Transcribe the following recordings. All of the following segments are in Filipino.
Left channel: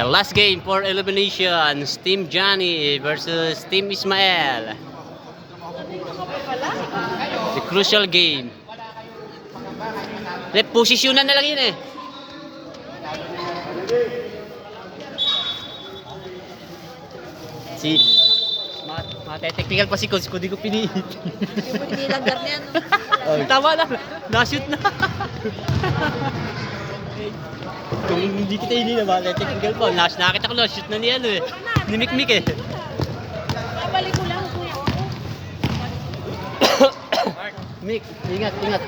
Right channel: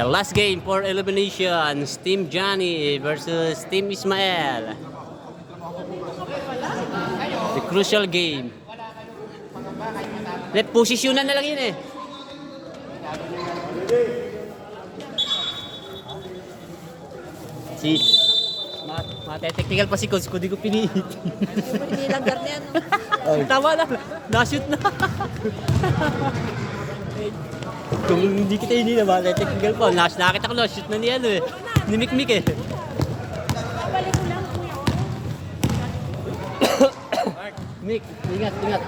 Last game for eliminations. Team Johnny versus Team Ismael. The crucial game. Posisyonan na lang yun eh. Si mate-technical pa si Coach ko, di ko piniit. Hindi lagar niya, no? Tama na, na-shoot na. Kung hindi kita hindi na mate-technical pa, nakita ko na-shoot na niya eh. Ni Mikmik eh. Mik, ingat, ingat.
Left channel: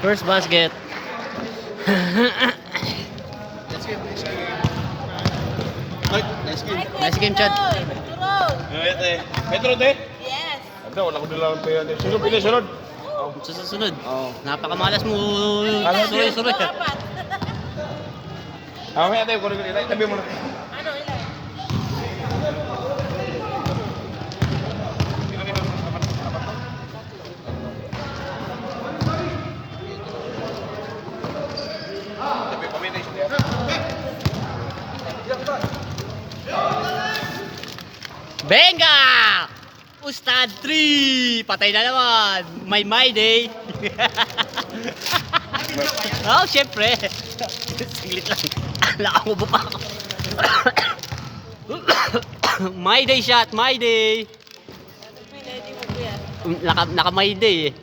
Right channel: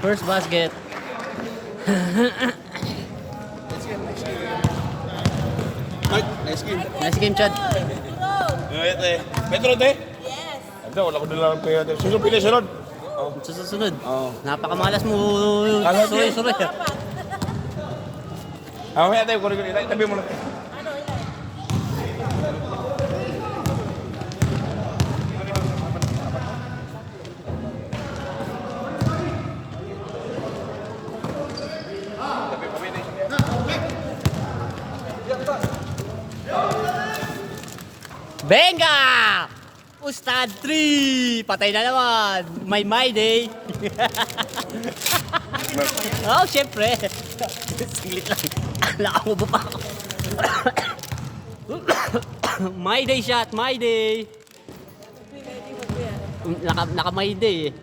First basket. Nice game, Chad. Metro de? Yes. Ito, wala ko nilang pera. Sino pinasunod? Susunod. Napakamalas mo. Sunod. Dapat. May tayo, kung ilay, tabi mo na. Ano, ilan? Benga! Ustad 3! Patay na naman! My day! Oh, syempre! Singlit lang. Nakamubo pa ako. My day shot! My day! Naka my day eh.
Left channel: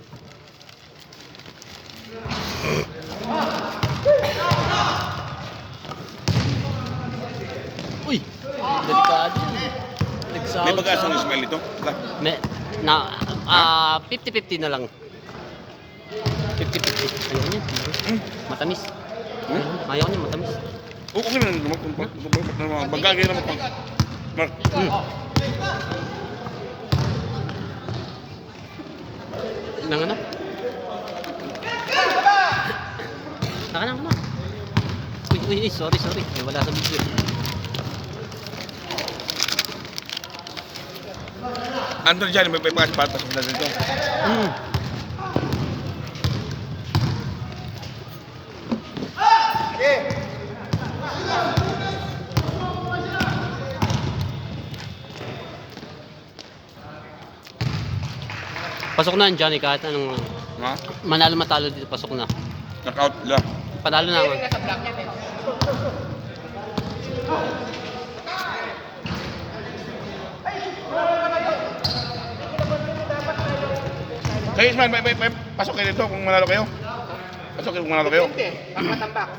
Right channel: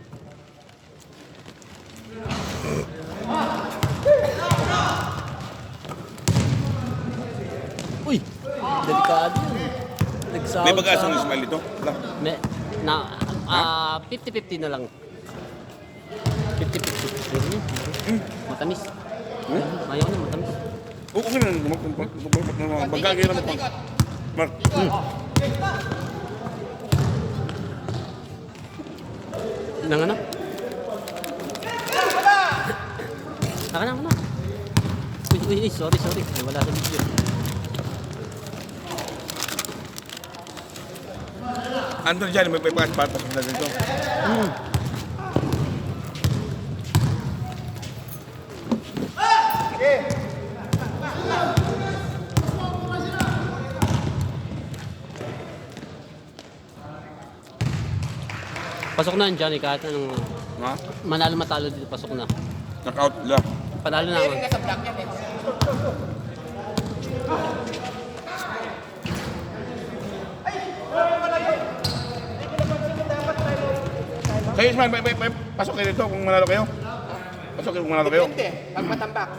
Uy! Delikado yun. May bagas ang Ismael ito? Wala. Na 50-50 na lang. 50-50. Matamis. Ayaw niya matamis. Okay na naman. Bagay naman pang. Mark. Ilang ano? Saka na, ano? Uy, sorry. Wala sa video. Andun dyan, may bagas patas sa dito. Pasok na ang Johnny kahit anong Ha? manalo matalo dito, pasok na. Knockout lang. Panalo na ako. Kayo Ismael, may pasok kayo dito kung manalo kayo. Pasok kayo kung manalo kayo. Pagtambak.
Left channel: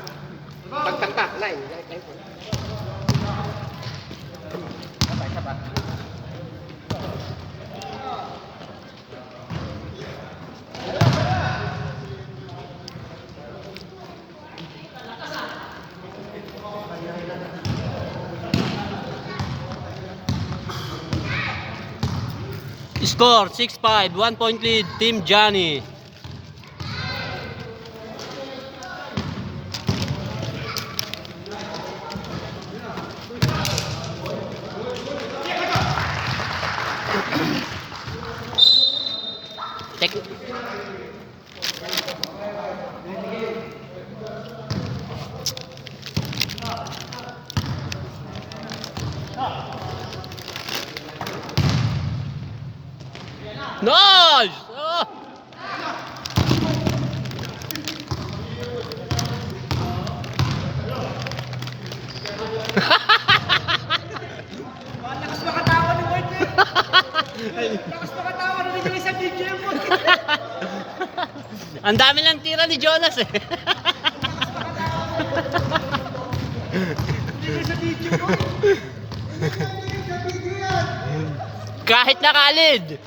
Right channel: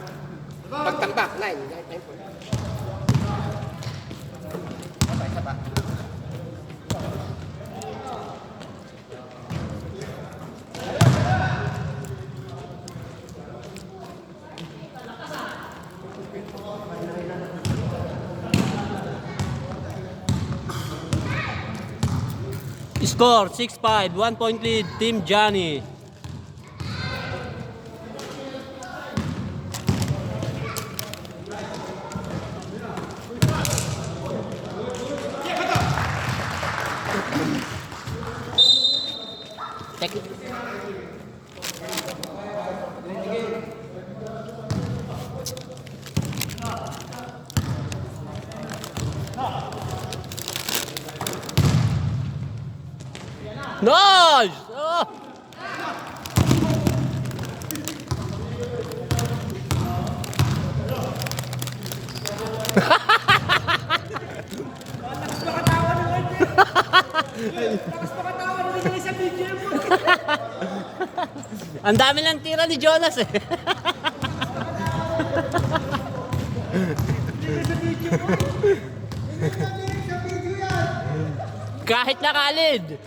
Pagtambak, line. Score 6-5, 1 point lead, Team Johnny. Nice! Oh! Ang dami lang tira ni Jonas eh. Kahit nakalid.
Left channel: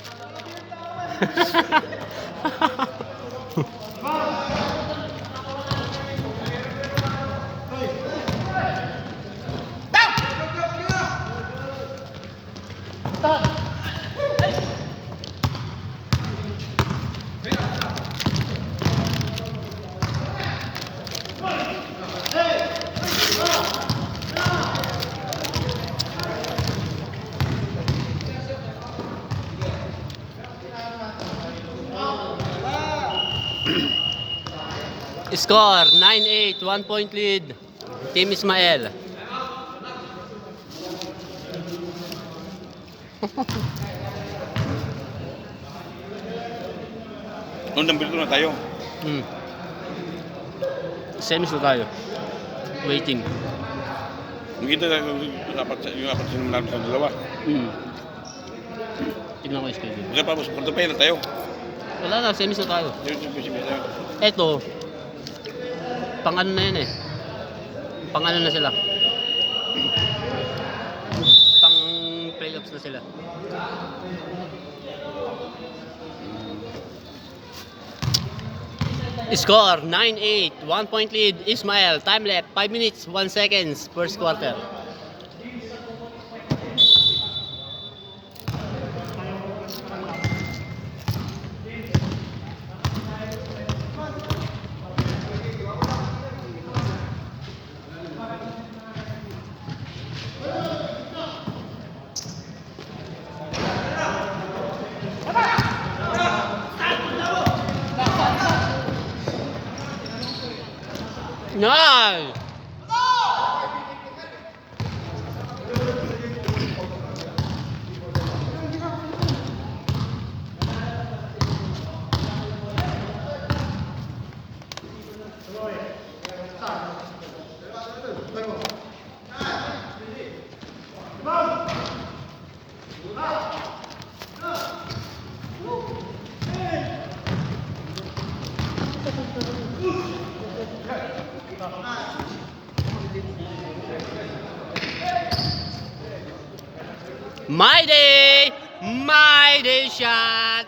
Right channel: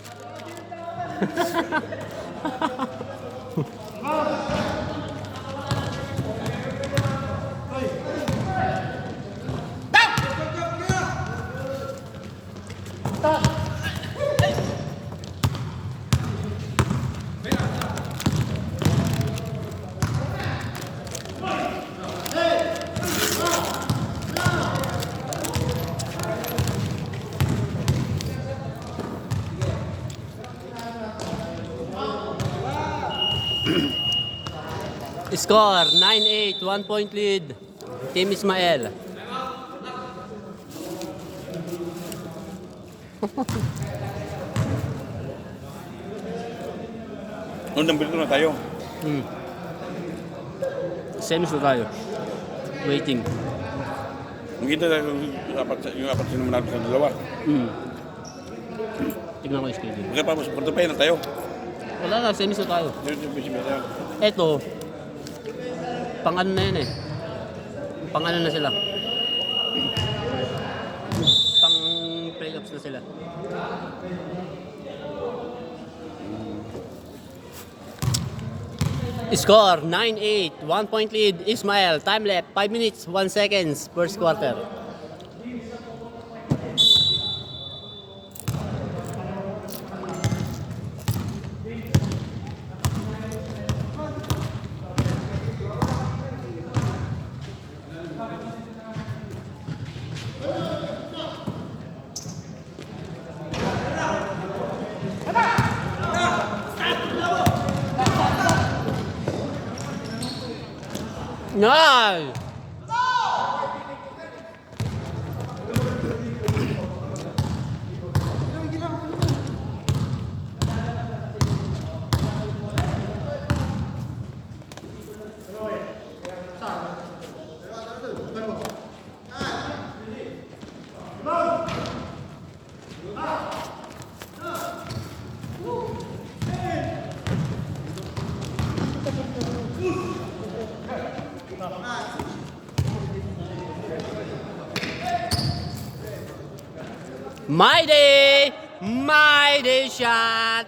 Score 9-8, 1 point lead. Team Ismael. Number 2 na tayo. Semis na tayo. Waiting. Magkita tayo yung apat sa naman sa dalawa. Tignan ko yung schedule. Kasi pa, quarter final tayo. Wala na, semis na tayo. Tayo. Eto, pang ano na yun eh. Pang ano na sila. Pang playoffs na sila. Score 9-8, 1 point lead. Ismael, time left 5 minutes 1 seconds first quarter. Nice! My day shot.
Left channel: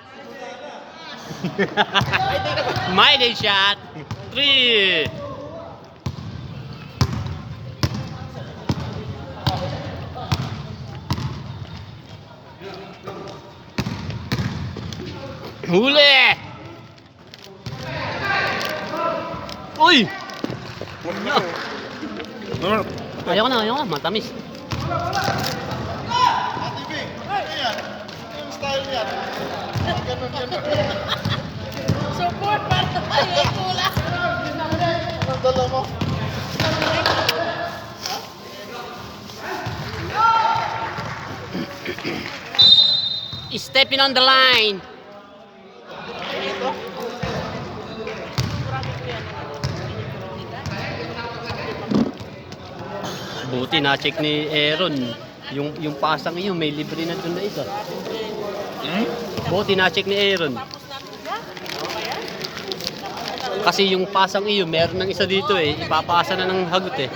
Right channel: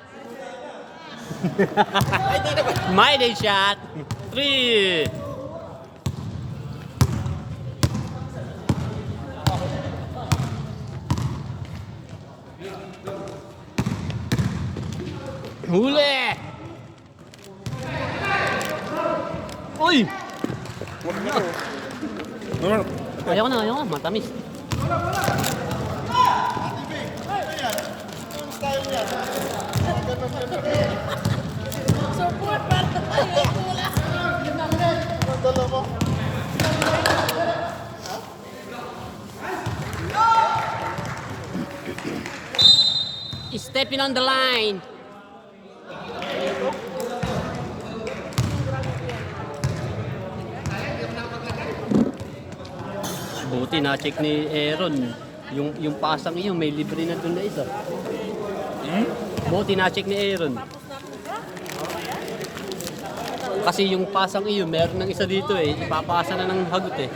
My day shot. 3. Huli. Uy. Ayaw na, matamis. Support para tayo tula. Stepping on the line. Buti na-check ni Aaron. Yung pasang iyo, may libre na doon na isa. Buti na-check ni Aaron. Kasi yung pasang iyo, meron ng isa dito eh. Ipapasa na ng hagot eh.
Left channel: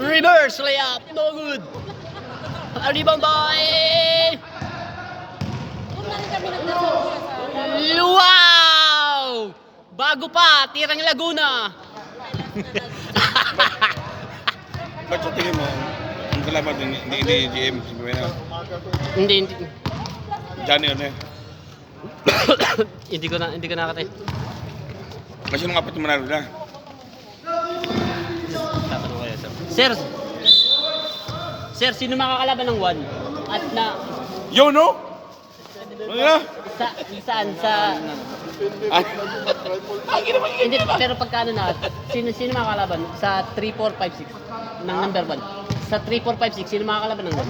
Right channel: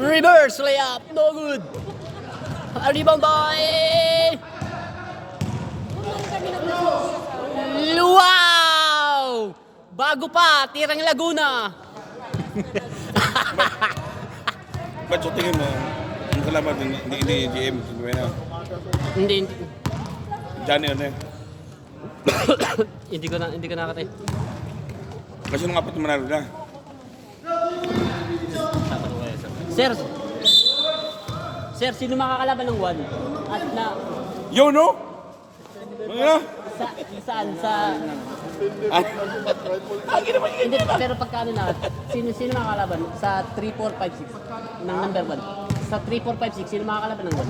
Reverse layup, no good. Rebound by wow! Bago pa, tirang Laguna. Ba't sa tingin mo, ang kalaban ni GM, hindi ba na? Hindi. Johnny ano eh. Hindi ko nakatay. Kasi nung apat na manalo na. Sir, sino makakalaban ng 1? At na Yo, no? Ano na? saan sa Ginawa hindi pero pagkano na sino makakalaban sa 3 4 5 6 ng number 1. Sa 3 4 5 6 sino makakalaban ng 1?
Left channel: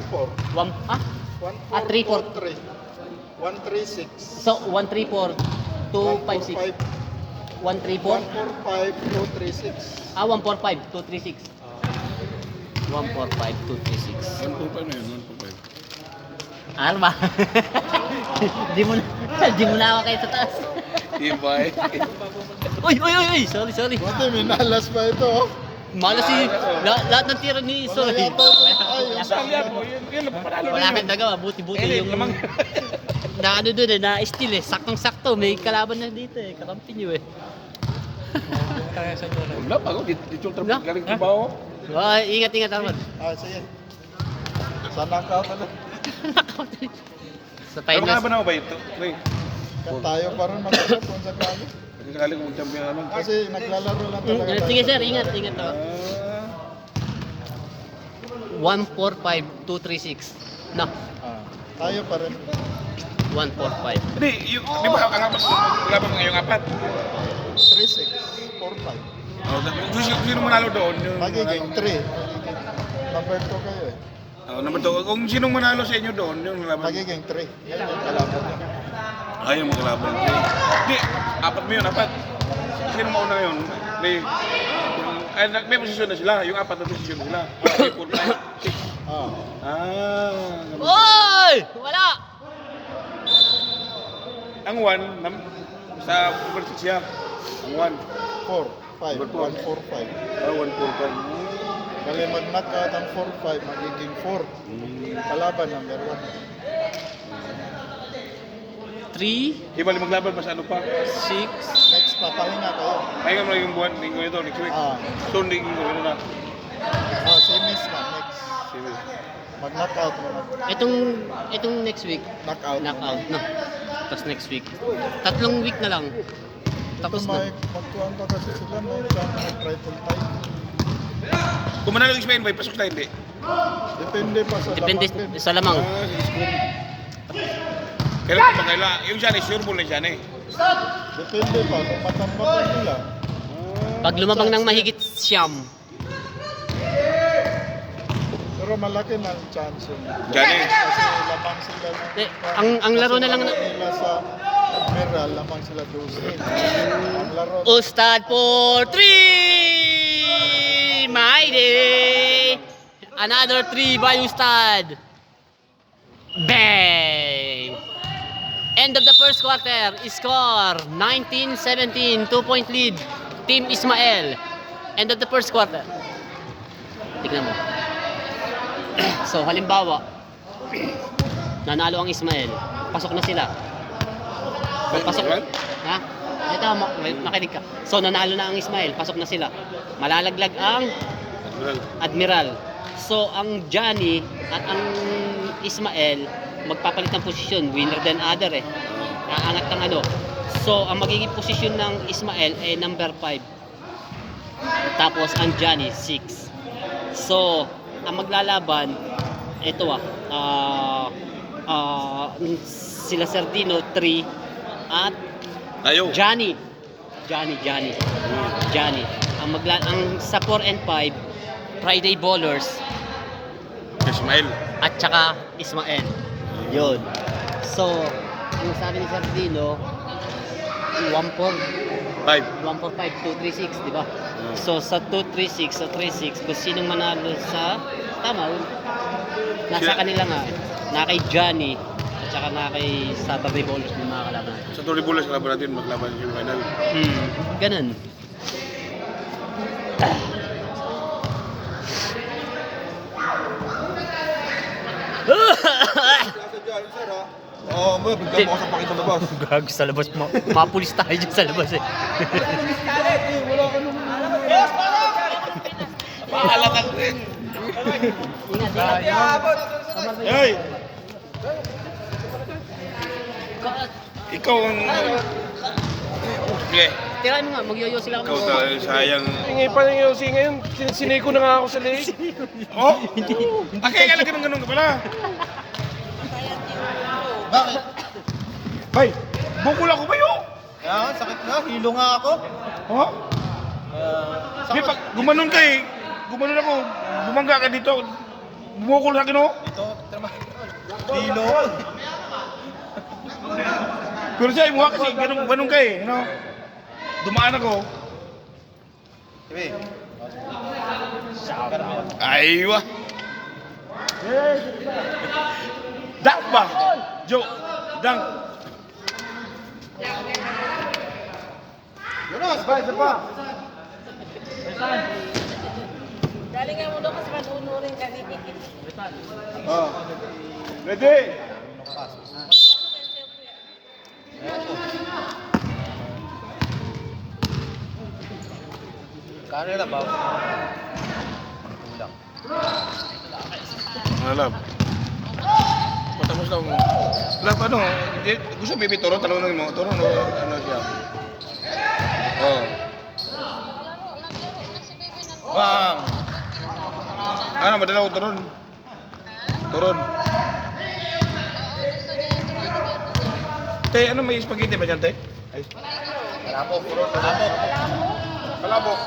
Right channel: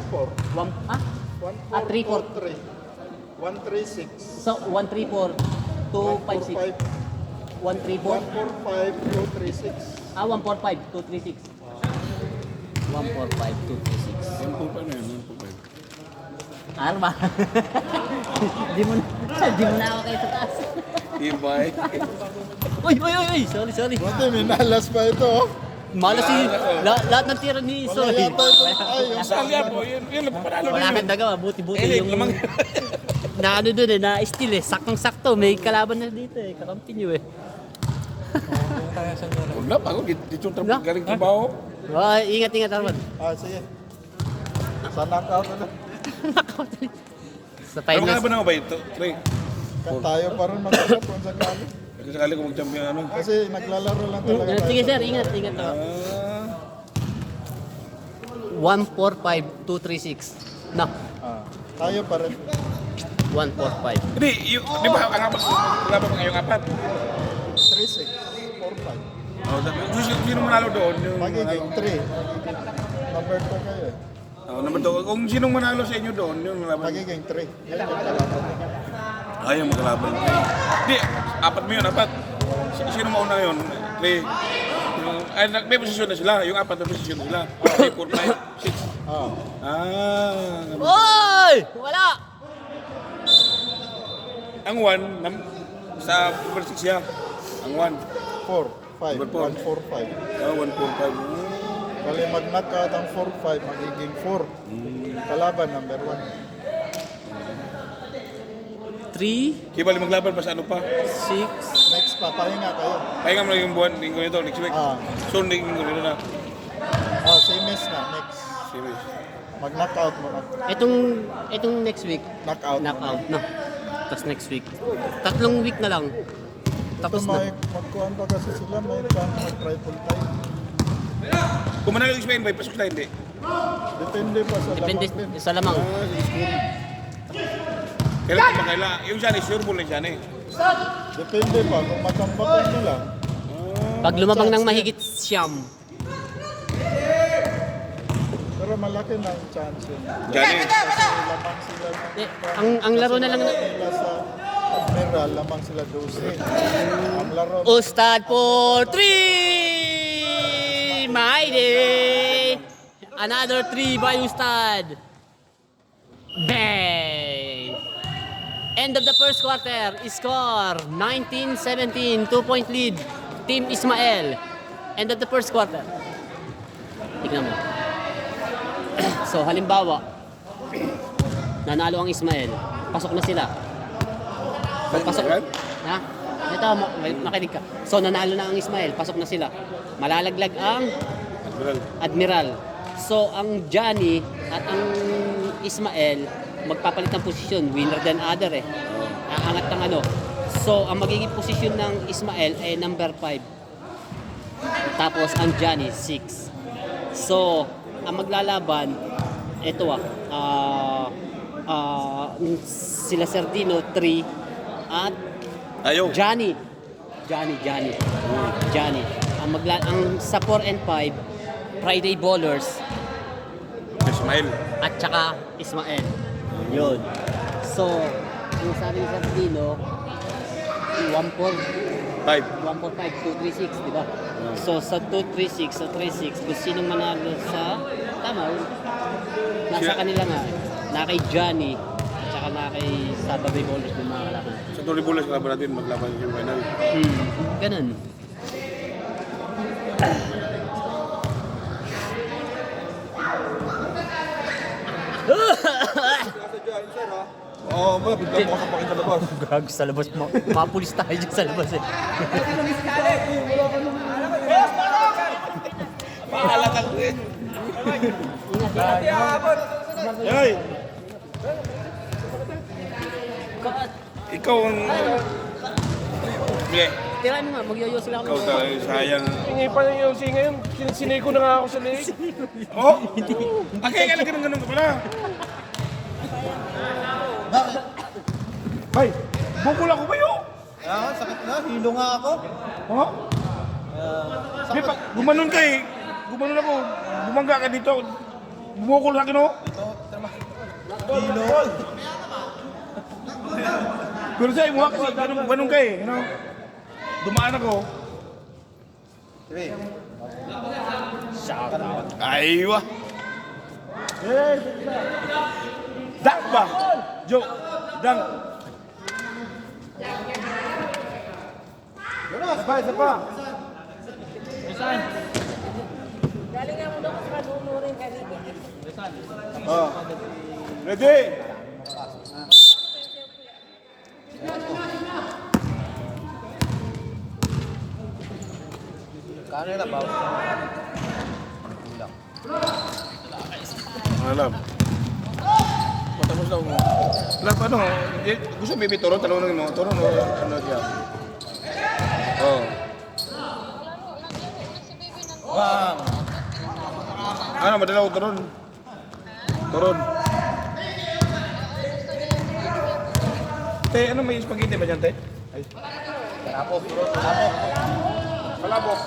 3 4 136. So 1 3 4 2 5 6 1 3 4 145 236. 1 4 5 2 3 6 1 4 5 2 3 6 1.5 na yun, 1.5. Ano ba? di mo na ako kayo sa taas. Ibay. Uy, sorry. Ito, may nalas pa ito. Malas lahat ng tira ni Soy. Saan yan? Yan, panalo na Wala yun. kang nagawa, buti yung na ano dun eh, na steal eh, saktong-sakto, may kalaban na dito eh, kakampi nyo eh. Wala pa ako. Dito yung Wala? galing trabaho. Ingat Arman. Sige. Sa knockout ano? Sa Pero finals. ka na ba na ba ito? Ray, Tayo pa rin mag-knockout kung sakali. kasi sakali kung mag-champion ano. Kasi naglalaro lang talaga tayo. Sige sir, ingat. Ah. 145236. Na, Tayo pa rin. 145. Hindi, di ba ang apat, wala ba ngayong apat? 3-6. 4-5. Oh, sino manalo doon? Yung Magiging 3. Number 2 kayo eh. number 2. Kung sinong manalo sa inyo doon, yung laban. Magiging 3. Yan yung kalaban niya. Yung magkalaban. Hindi, apat mo yun, apat. Sino mauna yun? May posisyon na sila. Yung apat na posisyon na sila. 3, 4, 5, 6. Oh. Oy! Wala! Ang 1, sa number 6 siya. Ang 1. 4, 5, Number 4. 1, 4, 5. 1, 4, 5. Bali mag-knockout ang 4, 5, magiging 4. Kalaban number 1. 3, Kibali maglaban pa sa ano pa. 6, Next pa, pahinga kayo. Pahinga mo lang yung buwan, linggo ito, next week. So, linggo ito na. Semis na, next. Sige. Mag-knockout mo na. itong next week, Knockout. knockout na. Tapos next week. 3 week na lang. Tapos Tapos na. magkuhan pa kasi sila, may chance mag-triple time. Kung manalo yung Spain, pasok na hindi. Depende pa sa Depende laman. sa lamang. Sige, school. Kailan pa ba kaila? Yung siya ni sure ball na siya ni. Depende pa kung matambakan nila. Pag lumabang ng mahigit siyam, Pero malaki na ang chance yun. Johnny. Kasi lamang sila na. ang laro na lang nila sa Admiral, lamang sila 12. Ang laro. Ustad for 3! Mighty! Another 3 by Ustad. Bang! End of the first quarter. Score 19-17. 2-point lead. Team Ismael. End of the first quarter. Tignan mo. So, halimbawa, nanalo ang Ismael. Pasok na sila. So, pasok. Ha? Ito, makinig ka. So, nanalo na ang Ismael. Pasok na sila. Malalaglag ang Admiral. So, ang Johnny at ang Ismael magpapalit ng posisyon. Winner than other eh. Aangat ng ano. So, ang magiging posisyon ng Ismael ay number 5. Tapos, ang Johnny, 6. So, ang maglalaban, ito sila Sardino, 3. At Tayo. Johnny. Ang sa 4 and 5, Friday Ballers Ismael. at saka Ismael. Yun. So, ang sabi ni Sardino, 5. 145, 236, di ba? So, sa 236, sa 36, kung sinong manalo sa tama, nasa kanila nga. Na kay Johnny, at saka na kay Saturday Ballers ng mga kalaban natin. Sa Tori Bulas, kalaban natin, maglaban yung final. Ganun. Oo, may bigyan mo ako pakita labas. Gag sa labas mo. Mapulis tayo dyan sa labas eh. Mahalatan ko eh. Hey! Ikaw ang... Sige, Tirahan mo nga, magyoyo sila ikaw talaga sayang. Ingay pa yung Yossi ngayon. Siniko na nga ako sa leg. Oh? Okay, kaya ganun ka pala. Bakit? Bay, bukol ako ba yun? Kaya sakit na, hilo nga ako. Ha? Di pag gumanon ka eh. Gumanon ako. Bumangga ka dito. Bumukol sa akin oh. Ito, hilo. Pero sa imo kasi ganun ka eh. Ano? Dumaan ako. Sige. Aywa. Dak ba? Jo. Dang. Galing mo doon kasi madunurin ka dito. Ready? Lab. Matapos daw mo. Lab, ano? Gusto mo ibig turon? Tanongin mo. Turon o ano siya? Oh. Wow. Ano, madala ko turon? Turon. Te, ano may spaghetti ba dyan, te? Ay. Palabok. Ano, palabok.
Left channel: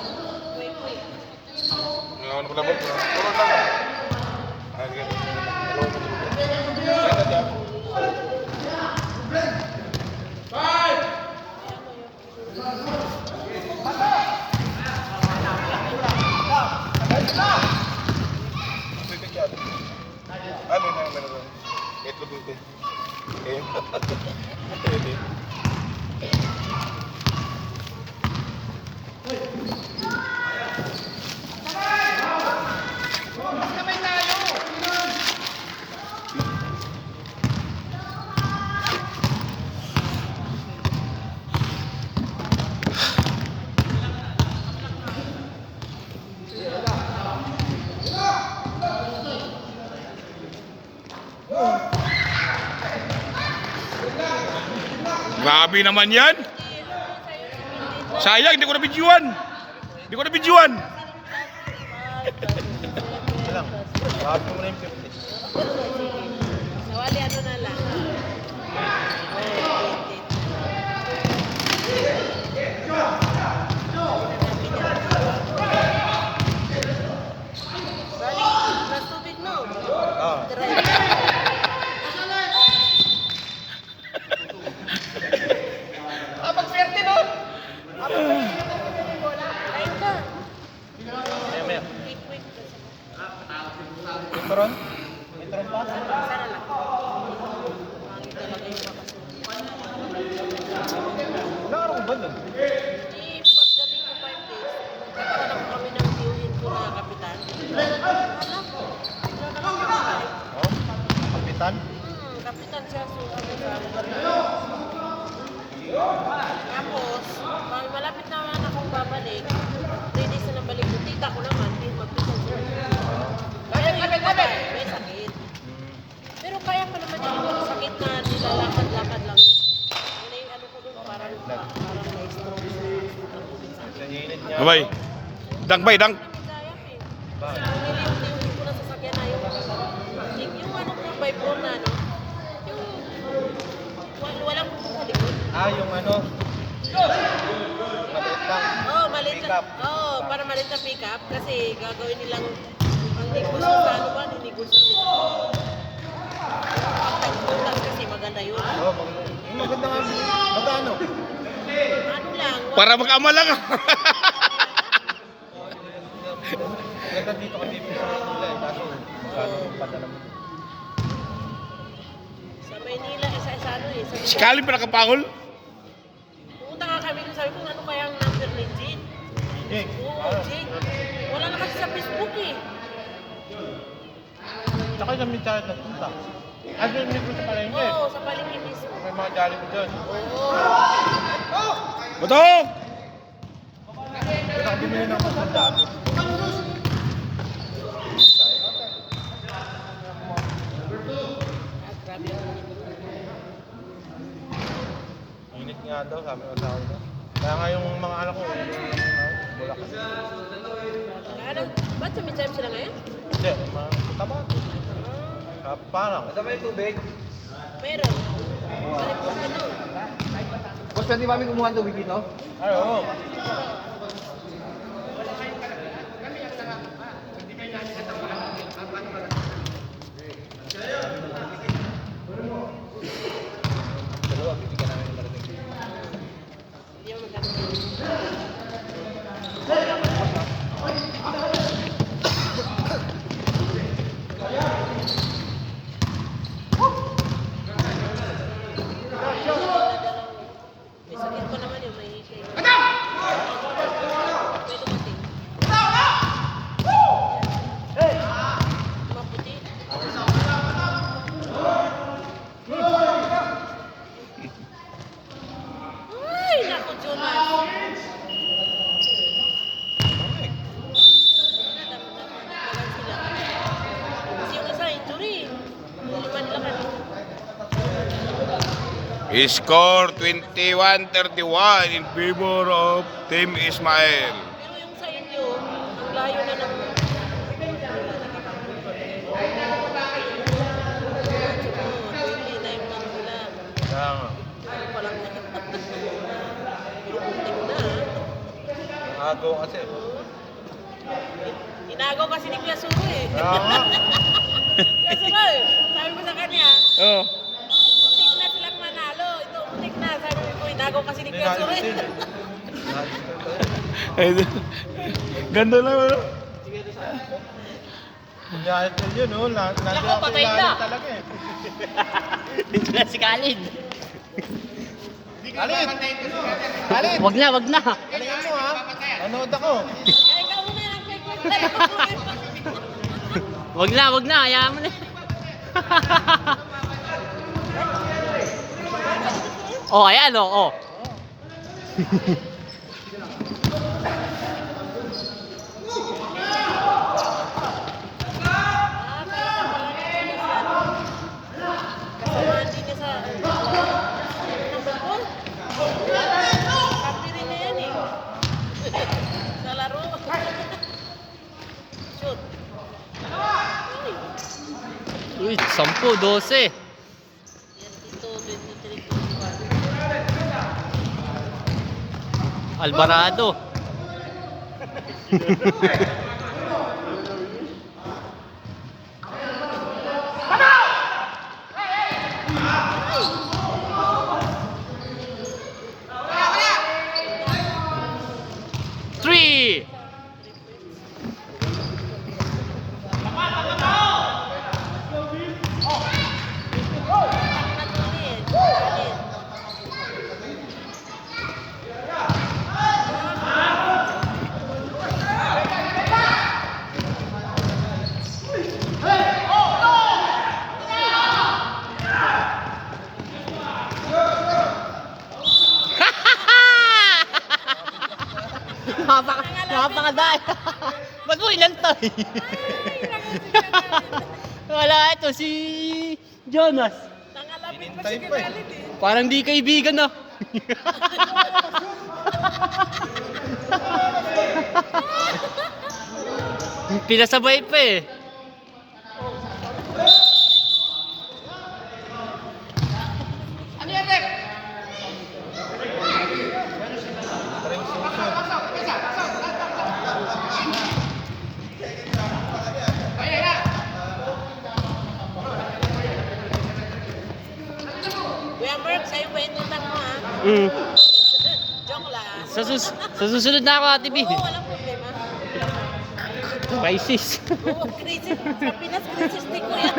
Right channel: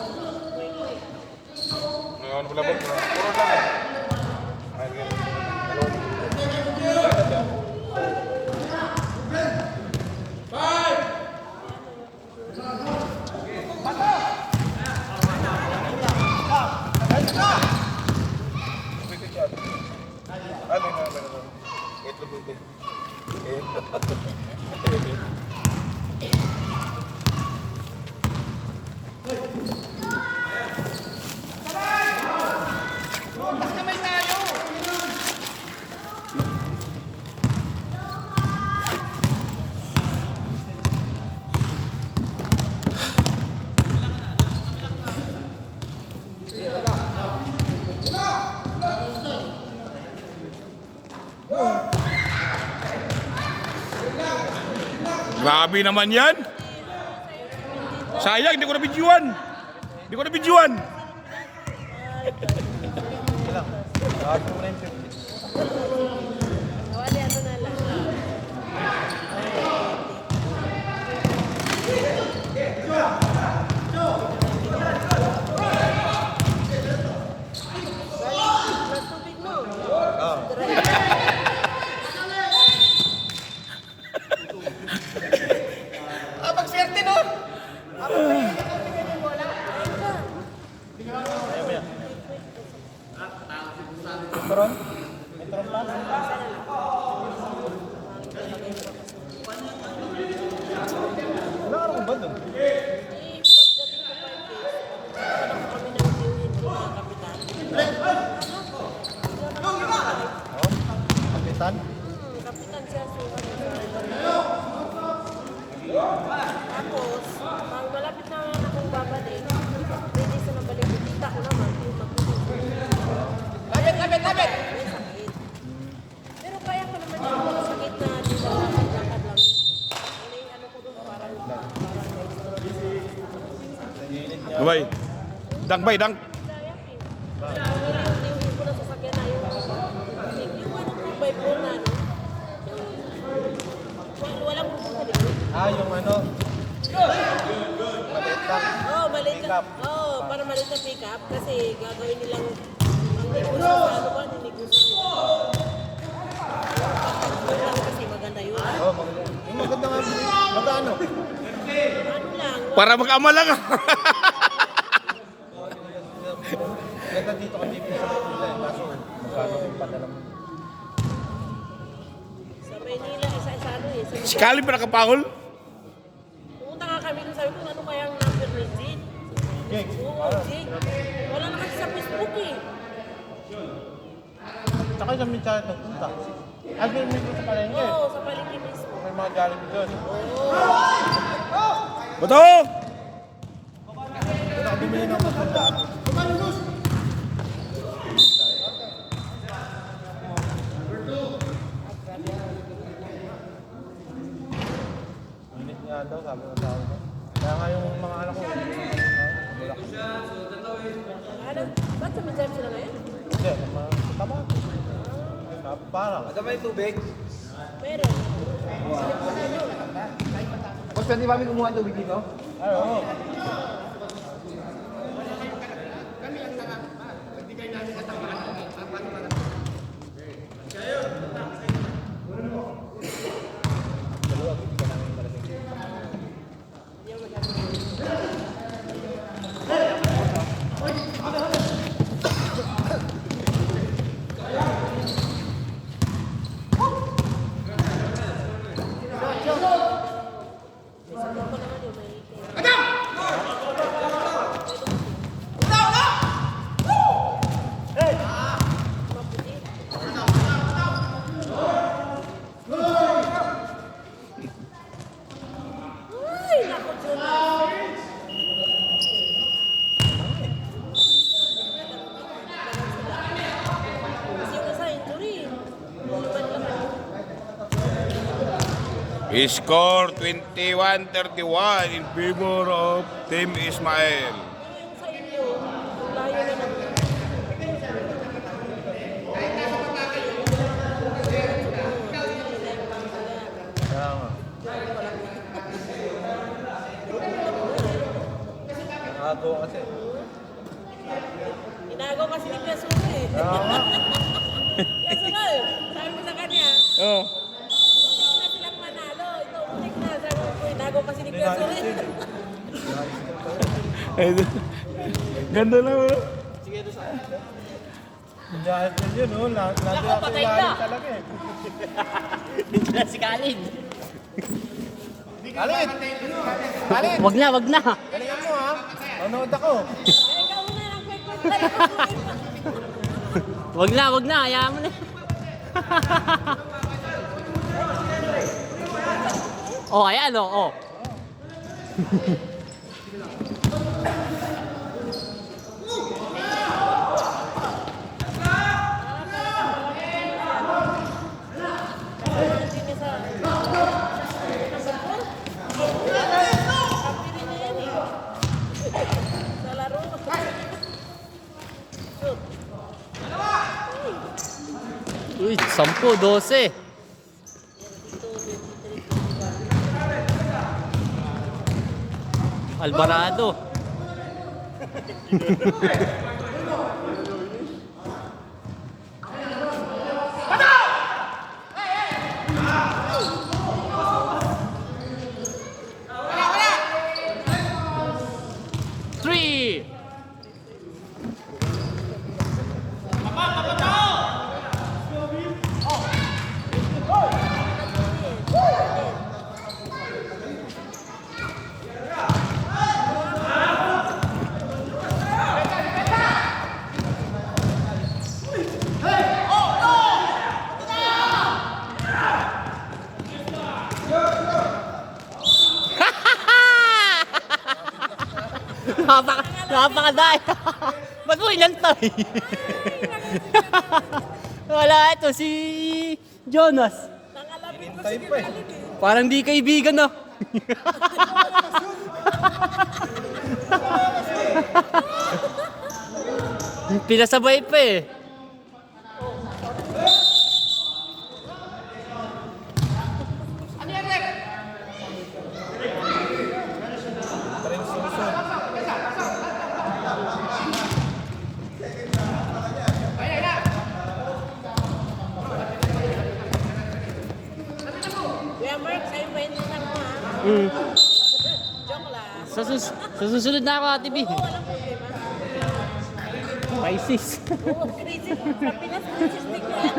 Grabe naman yan. Sayang, hindi ko na-videoan. Wali ano na lang. Balik, ng tubig no? Magswerte no? Wala, kain ka. Turon? May turon pa? Sana lang. Pangit talaga yung makasubukan. Ilang araw ba dun? Eh, pagdating ko 5 days, nagkakaroon na kami ng viewin ko na kapitan. Wala na lang kumain. Oh, kapitan? Kapitan siya, so ano sa river na. Tapos, pag malapit na akong babalik, 3 days na nabalik ko, tita ko naman, din Labit! may sakit. Pero kaya pa naman yung sakit na nilakad lang. Ano ko doon, parang Babay. Dang, bay, dang. niliyong ko na sasakyan na yung ano ko, by 4 na ano. Yung walang bubong sa likod. Yung ano? Oh, maliit na. Oh, para maliit na pick-up kasi gagawin nilang ang negosyo sa ano ba, negosyo sila. Yung pagtagpo lang kasi maganda yun. Yung maganda nga. Magkano? Ano lang, Para mag-ama lang. Ganda dito kami sa Manila. Kaso, magkano yung padala mo? sa Maynila, sa ano eh. Sa Si Calvin pa nakapangol. pumunta nga kami dun, sabi ko, ano kaya ang number ni Jade? Jake. Oo, Jade. Wala na kasi sa Facebook eh. Tsaka sa Mitchell nagpunta. Ay, may ko sa palengke. Oo, sa palengke mismo. May mga Jollibee doon. Oo. Bato! Bumili naman sa dati. Init nga daw, sabi ko sa akin. Kaya nga yung mga anak ko, Ano? Ba't sa midtime sila ngayon? hindi, mga taba. Parang. Ada may tubig? Meron. Sa likod ko no. Boss, pwede ba kami kumuha ng tubig dito? Ay, oo. May sakit ko naman yung may Score 21-31 in favor of Team Ismael. Pero yung sa inyo, ang layo na ng... Nakago kasi. Inagaw kasi ni Kuya Suro eh. Kaya nga. Kuya Suro, sabi ko sa kanya, Oh. muntik na silang manalo. Ito, muntik na. Sabi ko, inagaw kasi ni Kuya Suro eh. Ganda lang. Kunyari yun, no? Nandun Ako, ako patay ilalim na. talaga eh. Dito na si Kalin. Alit! Wag na, wag na. Alingin mo ha? Manood ako. Kaya ikaw muna yung Wag na, hayaan mo na. Oh, ayan oh. Sa laro. Shoot. Uy, 10, 12. Ito, 23. Alvarado. Three. Napakadaya. Ba't mo inantay? Wala, ito si Jonas. Hinintay pa eh. Parang di kaibigan no. Pinasabay pa eh. Parang susod. Kuya Mark, sa'yo pa ito na mo ha. Mm. Joke lang. Sa susunod na ako, Ate B. Oo, walang problema. Pisces. Oo, crisis. Sa Pinas, crisis ni Kuya.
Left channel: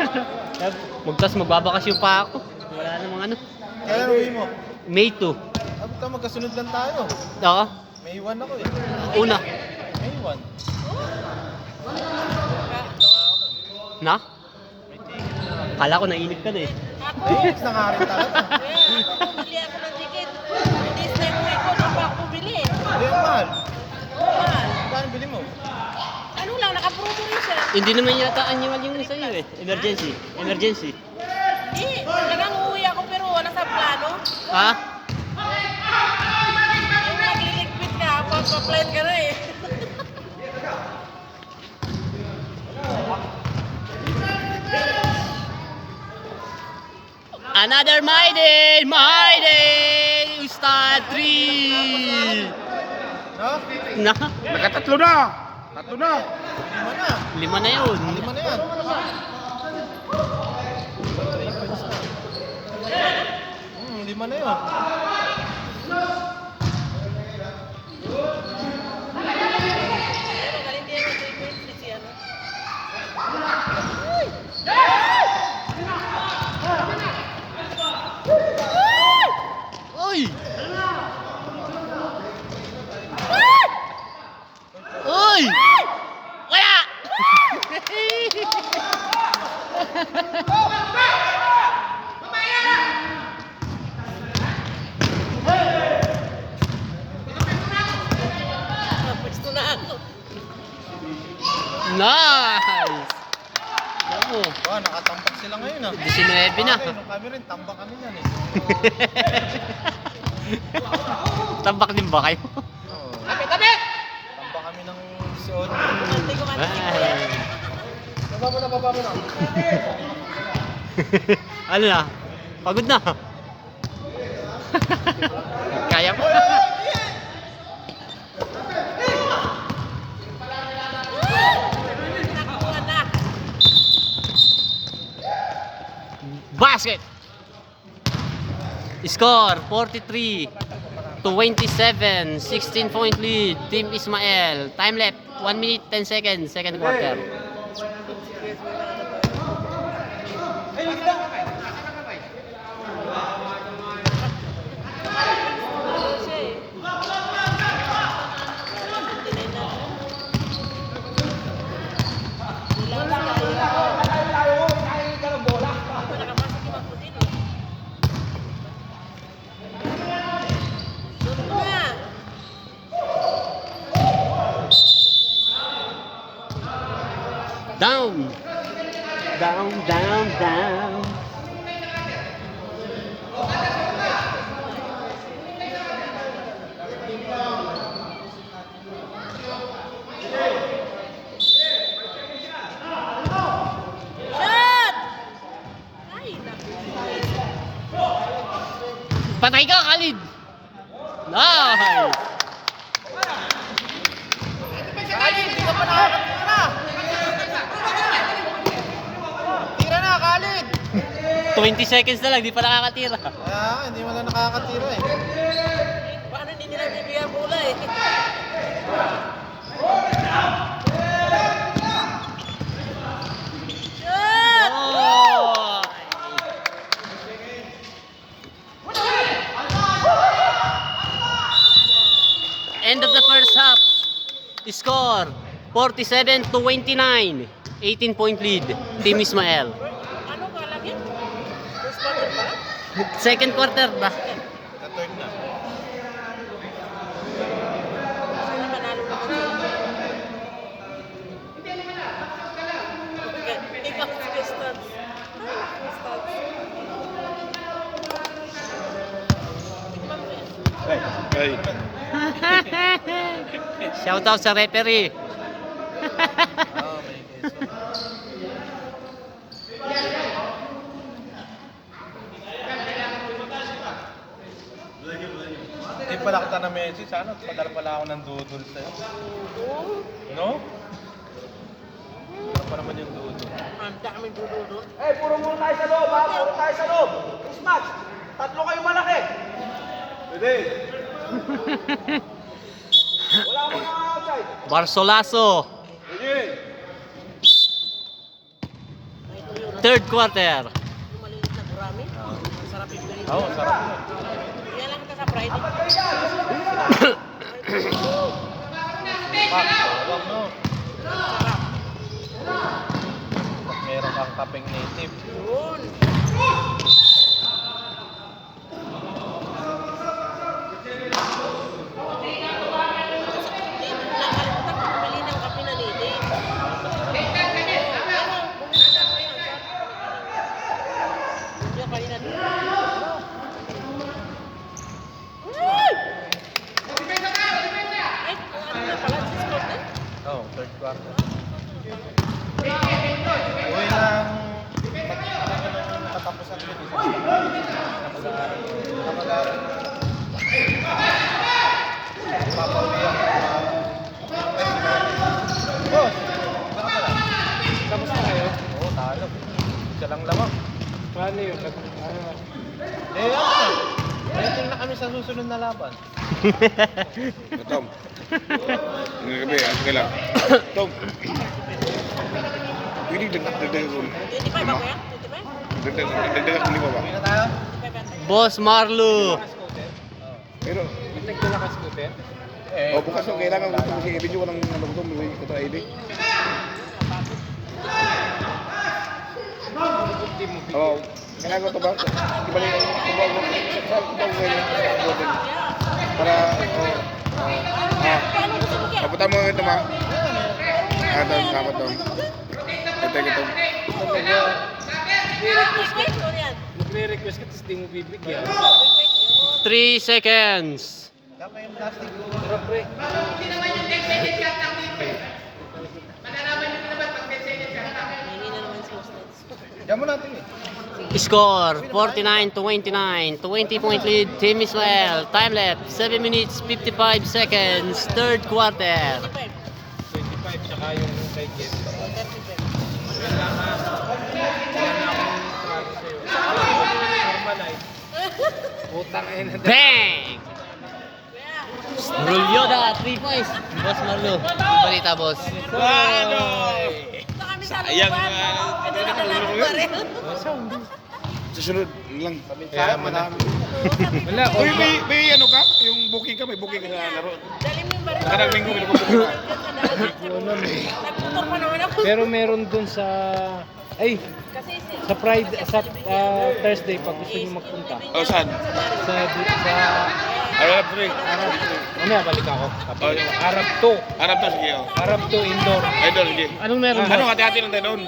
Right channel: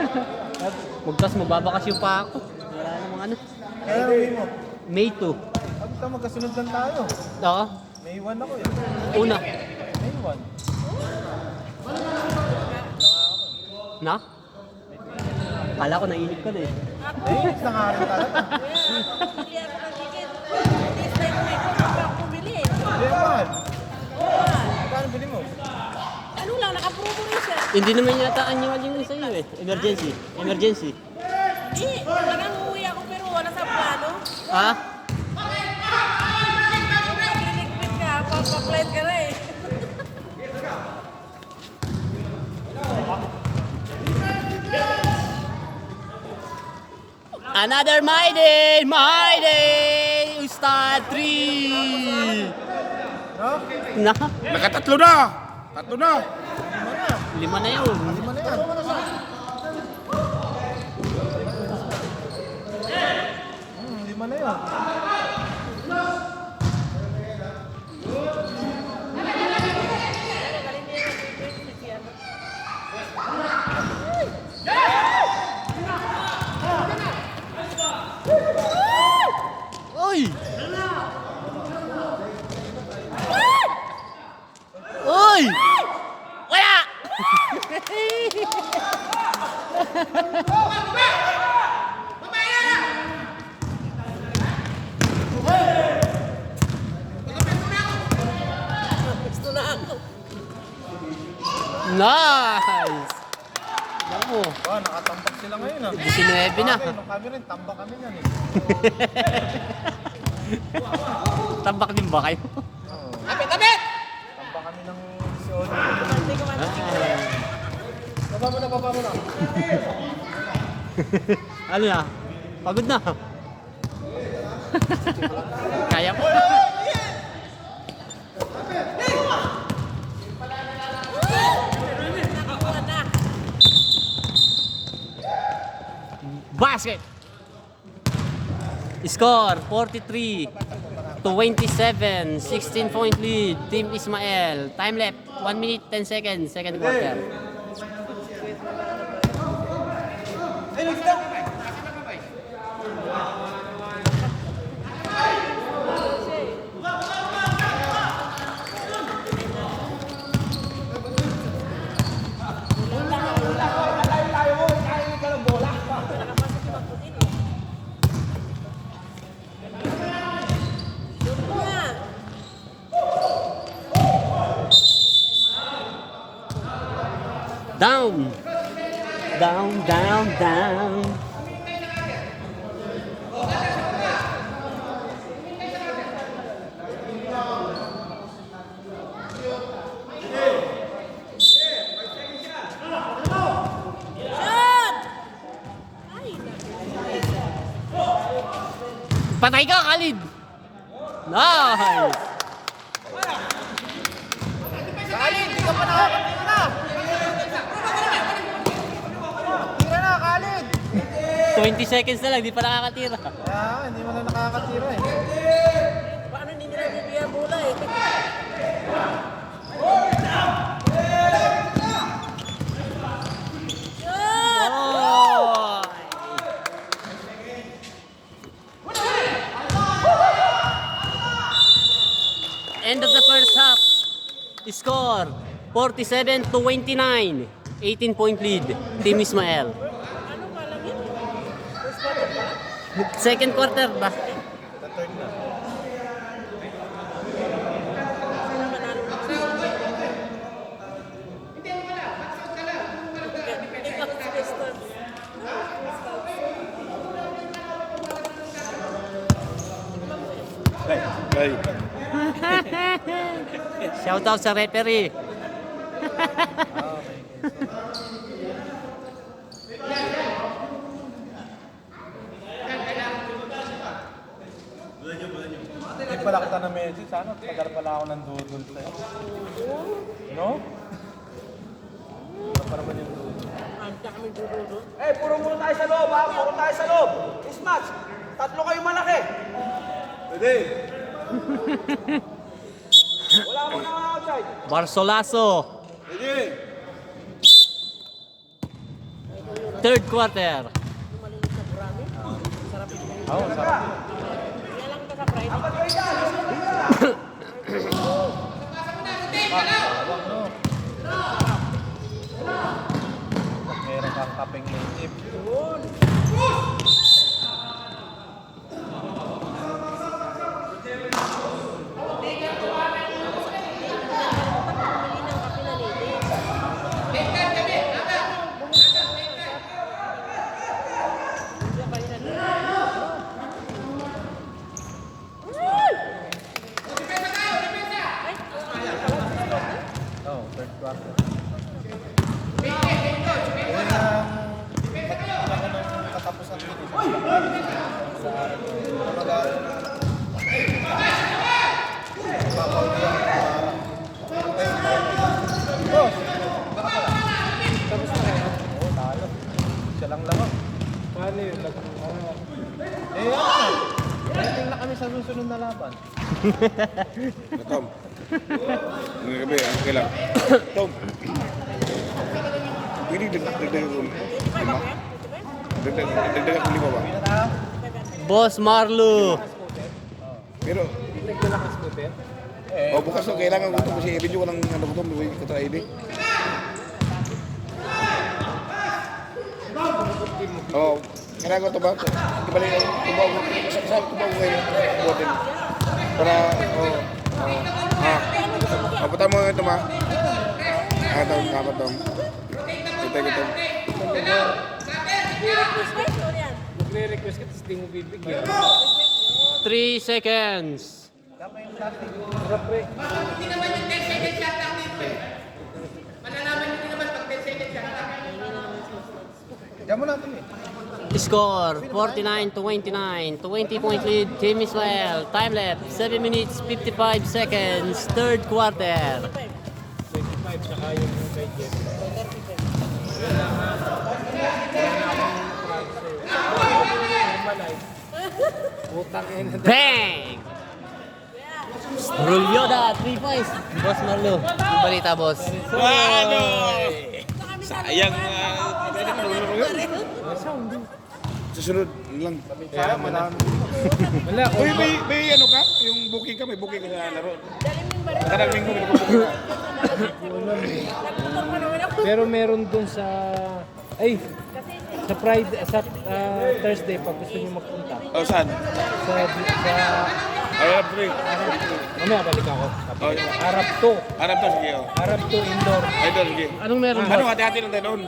Magbabakasyon pa ako. Wala namang ano. Kaya uwi mo. May 2. Ito magkasunod lang tayo. Oo. May 1 ako eh. Una. May 1. Na? Kala ko nainip ka na eh. Ayun, nangarin talaga. Kaya, bumili ako ng ticket. This time, may ko pa bumili. Hindi ang mahal. Mahal. Paano bili mo? Ano lang, nakapromo rin siya. Hindi naman yata annual yung sa iyo eh. Emergency. Emergency. Hindi, talagang uuwi ako pero wala sa plano. Ha? Ay, nagliligpit ka, pagpa-plan ka na eh. Another Maiden! Maiden! Ustad 3! No? Na? Nakatatlo na! Tatlo na! 5 na. 5 na yun. 5 na yan. Lima na yun. Uy! Uy! Kaya! Pwesto na ako. Nice! Naku, mo. Wow, nakatambak sila ngayon ah. 19 na. Nung kami rin, tambak kami yan eh. Tambak din ba kayo? Tambak kami ng 18. Baba mo na, baba mo na. Ano na? Pagod na. Kaya mo. Nakakuha na. Basket! Score 43-27, 16-point lead, Team Ismael. Time left 1 minute 10 seconds, second quarter. Nakapasok si Magputin, oh. Doon na. Down! Down, down, down. Shot! Ay, naku. Patay ka, Khalid! Nice! Khalid, di ka pa nakakatira! Tira na, Khalid! 20 seconds na lang, di pa nakakatira. Kaya hindi mo na nakakatira eh. Paano hindi nila bibigyan bola eh? Shot! Oh! End of the first half. Score 47-29. 18-point lead. Team Ismael. Ano ka lang yun? First quarter pa? Second quarter ba? Sa third na. Panalo pa sila. Ikaw, Pistons. Ay, Shout out sa referee. Ah, may keso. Hindi pala kita na message, sana padala pala ako ng doodle sa'yo. No? Ano pa naman yung doodle? Ang dami dududo. Eh, puro muna tayo sa loob, ha? Puro tayo sa loob. Mismatch. Tatlo kayo malaki. Pwede. Wala mo na outside. Barsolaso. Pwede. Third quarter. Malinis na burami. Sarap yung play. Oo, sarap. Kaya lang ka sa Friday. Apat kayo dyan. Meron kang kapeng native. Pili ng kape na lady. Yan, kanina din. Oo, third quarter. Uy, katapusan yun. Mag-aaral na. Papauwi ako ng araw. Boss! Baka pala. Tapos na kayo? Oo, talo. Siya lang lang ako. Eh, ano? Rating na kami sa susunod na laban. Tom. Ngayong gabi, okay lang. Tom. Pwede dagdagan ko 5? Dagdagan ko 5 ba? Hindi na tayo? Boss Marlo. Pero, Nagdala ka scooter? o bukas yung kailangan ko kasi i-video ko ng ano ko, may kita ID. Oo, kailangan ko ito ba? Di ba yung para, papunta mo ito ma. Ah, ito, dapat ito. Ito, ito. Nagre-request ka, tapos di mo bibigyan. 3 seconds. Diyan mo natin eh. Score 49-29. 20-point lead, Team Israel. Time left 7 minutes 55 seconds. Third quarter. 25, tsaka yung kay Jet. Utang eh na. Bang! Rulyoda, 3 points. Boss Marlo, balita boss. Sayang susunod lang. Wala, Uy, may ano ka? Yung booking ka? May booking ka sa laro? Nakarang linggo, may booking ka. pero meron dun sa... Ay! Sa Friday, sa Thursday, pag gusto nyo magpunta. O, saan? Sa Arab 3. ano, balik ako. Oh, yung Arab 2. Arab to, sige. Oh. Arab 2 indoor. Idol, sige. Anong meron Ano, boss? hati-hati lang tayo doon.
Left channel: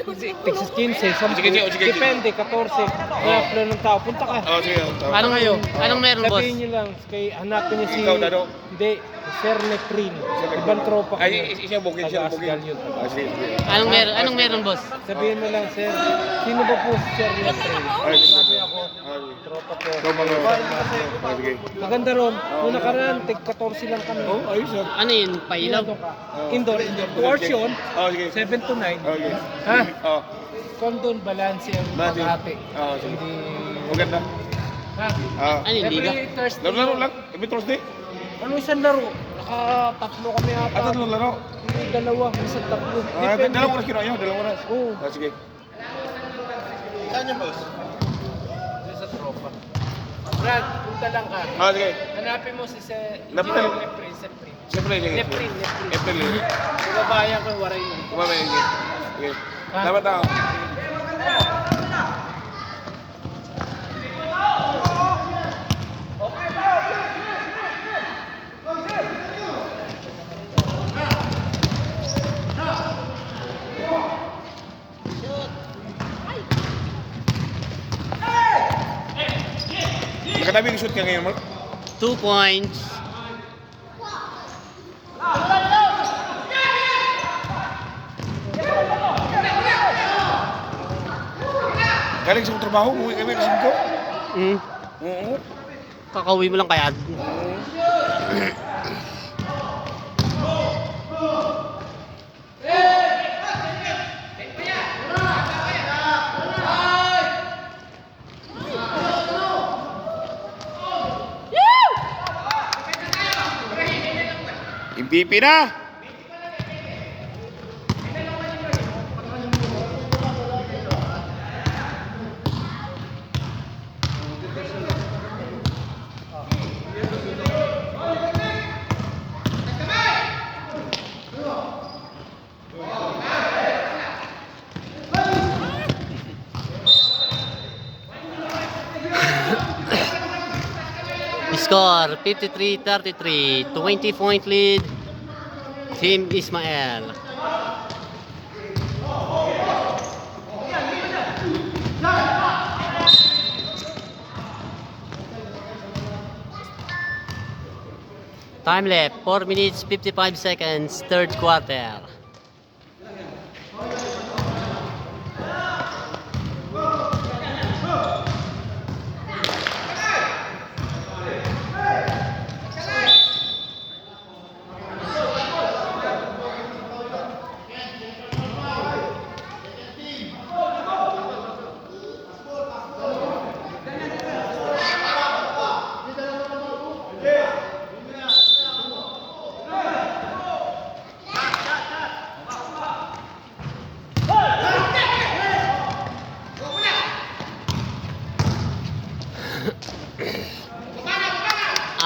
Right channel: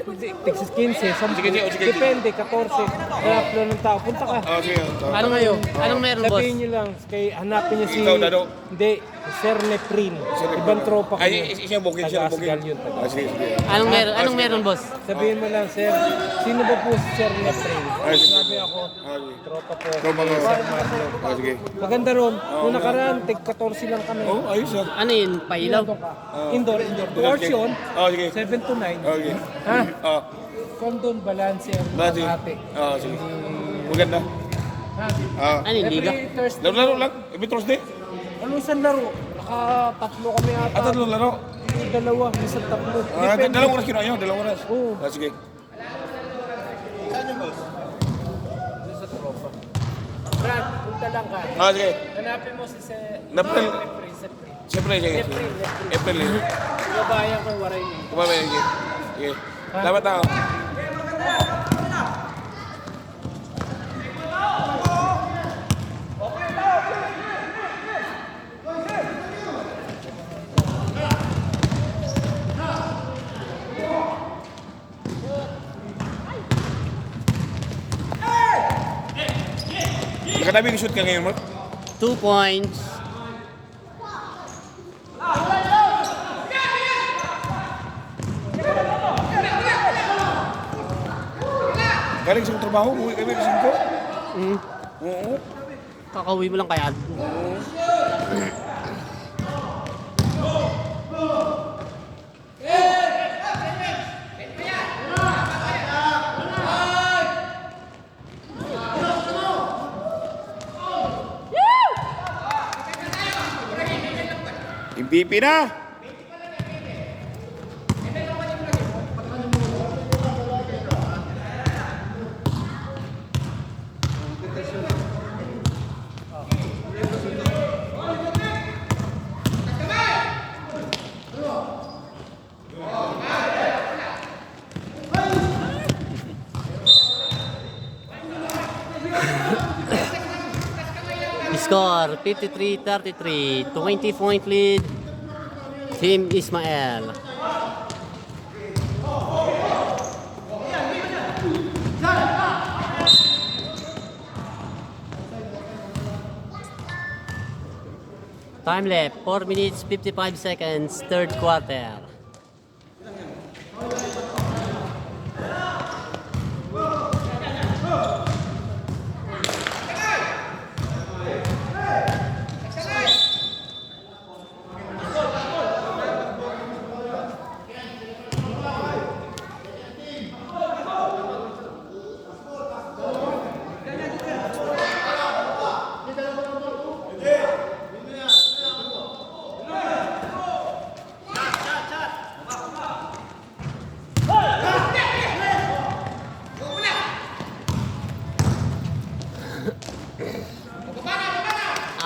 Texas 15, 10. Sige, sige, sige. Depende, 14. Kaya flow ng tao. Punta ka. Oh, sige. Oh. Anong kayo? Anong meron boss? Sabihin nyo lang, kay hanapin niya si... Ikaw, Dado. Hindi, Sir Neprin. Ibang tropa ko. Ay, siya booking, siya booking. Taga-Asgal yun. Ah, sige, sige. Anong meron boss? Sabihin mo lang, Sir, sino ba po si Sir Neprin? Ay, sige. Sabi ako, Ah, sige. tropa ko. Ikaw mga... Ah, sige. Maganda ron. Nung nakaraan, tig 14 lang kami. Oh, ayos ah. Ano yun? Pailaw? Indoor. 2 hours yun. Oh, sige. 7 to 9. Okay. Ha? Oh, Condon, balance ang Balance. paghati. Ah, sige. Hindi... maganda. Ha? Ah. Ano yung liga? Every Thursday. Laro lang. Every Thursday. Ano isang laro? Naka-tatlo kami ata. At ano laro? Dalawa, isang tatlo. Ah, dalawang oras kinayo, dalawang oras. Oo. Ah, sige. Saan yung boss? Doon sa tropa. Brad, punta lang ka. Ah, sige. Hanapin mo si Napil. Neprin. Siyempre, sige. Neprin. April eh. Babayan ko yung waray mo. Kumabay, sige. Sige. Ha? Dapat ako. Nakadami shoot ka ngayon, Mark? 2 points. Galing sa trabaho, umuwi kami kasi ko. Mm. Oo. Kakauwi mo lang kaya. MVP na! Score 53-33. 20-point lead, Team Ismael. Time left 4 minutes 55 seconds. Third quarter.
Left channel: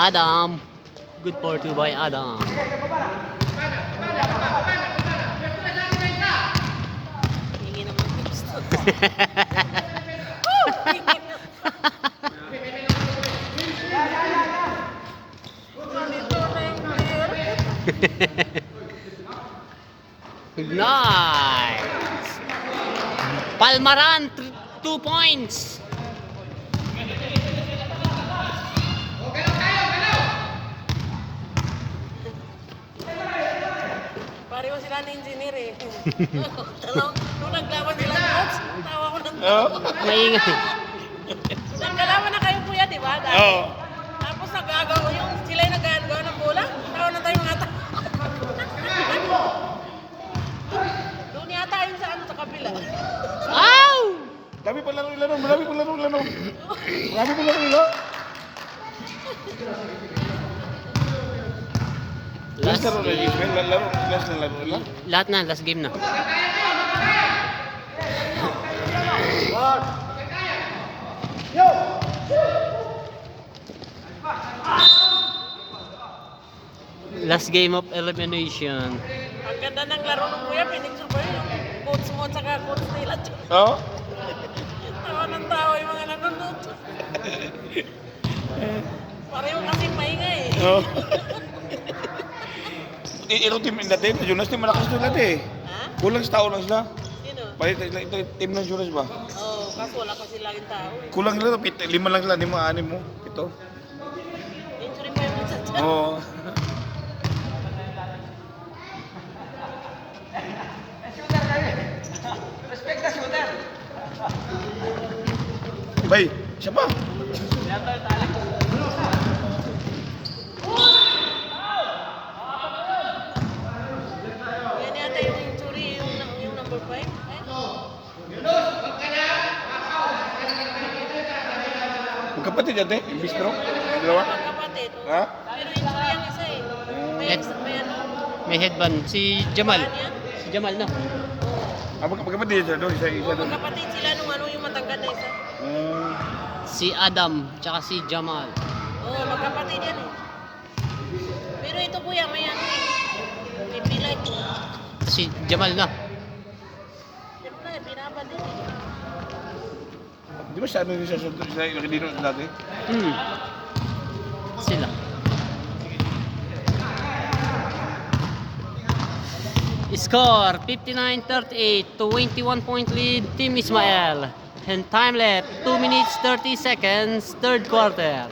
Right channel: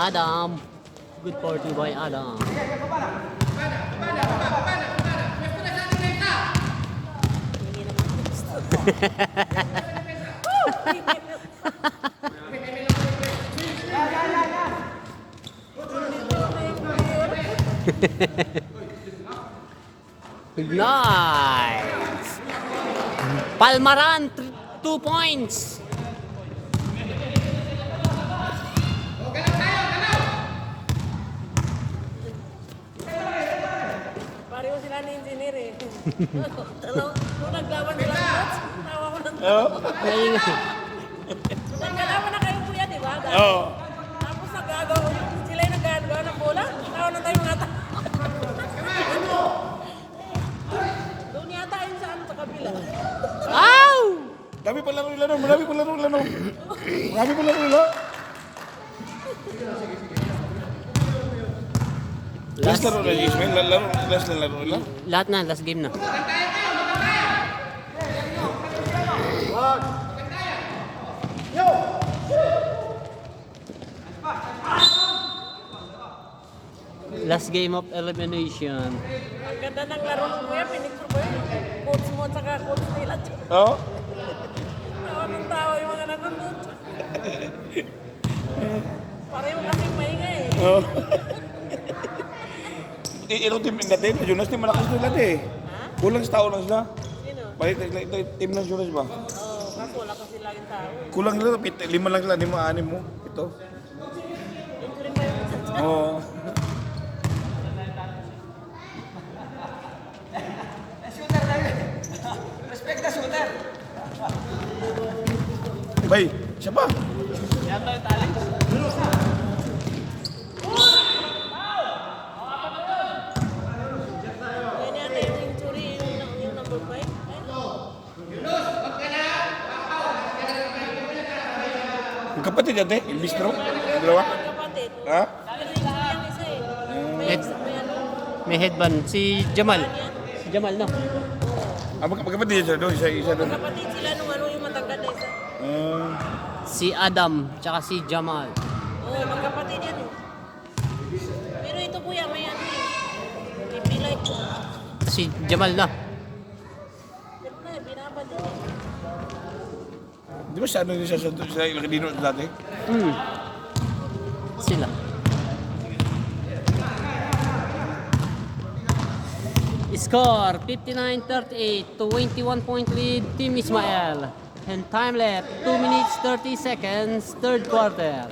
Adam. Good party by Adam. Nice. Palmaran, 2 points. Pareho sila ni engineer eh. Nung naglawan sila, tawa ko ng Oo. Maingay. nagkalaman na kayo kuya, di ba? Dati. Oo. Tapos nagagawa yung sila yung nagagawa ng bola. Tawa na tayo mga tao. Doon yata yung sa ano sa kabila. Ow! Dami pa laro nila, no? Marami pa laro nila, no? Marami pa laro nila. Last laro na, Ismail. Last na laro nila. Lahat na, last game na. Last game of elimination. Ang ganda ng laro ng kuya, pinicture ko yun. Coach mo tsaka coach nila. Oo. Tawa ng tawa yung mga nanonood. Pareho kasing maingay eh. Oo. Ito team natin, Jonas team malakas nila eh. Kulang sa tao lang sila. Sino? Palit ito team ng Jonas ba? Oo, kaso wala kasi laging tao. Kulang nila, 5 lang sila, 5, 6 mo. Ito. Injury pa yung chat. Oo. Bay, siya ba? Yan yata yung injury, yung number 5. Magkapatid yan, Imbis bro? Dalawa? Kapatid. Ha? Sila yung isa eh. May ano? May headband. Si Jamal. Si Jamal, no? Ah, magkapatid yan siya doon, isa doon. Kapatid sila nung ano yung matangkad na isa. Si Adam, tsaka si Jamal. Oo, magkapatid yan eh. Pero ito kuya, may ano eh. Hindi like ko. Si Jamal na. Pero na, binabad din. Di ba sabi rin siya sa nakidino dati? Sila. Score 59-38, 21-point lead, Team Ismael. And time left 2 minutes 30 seconds, third quarter.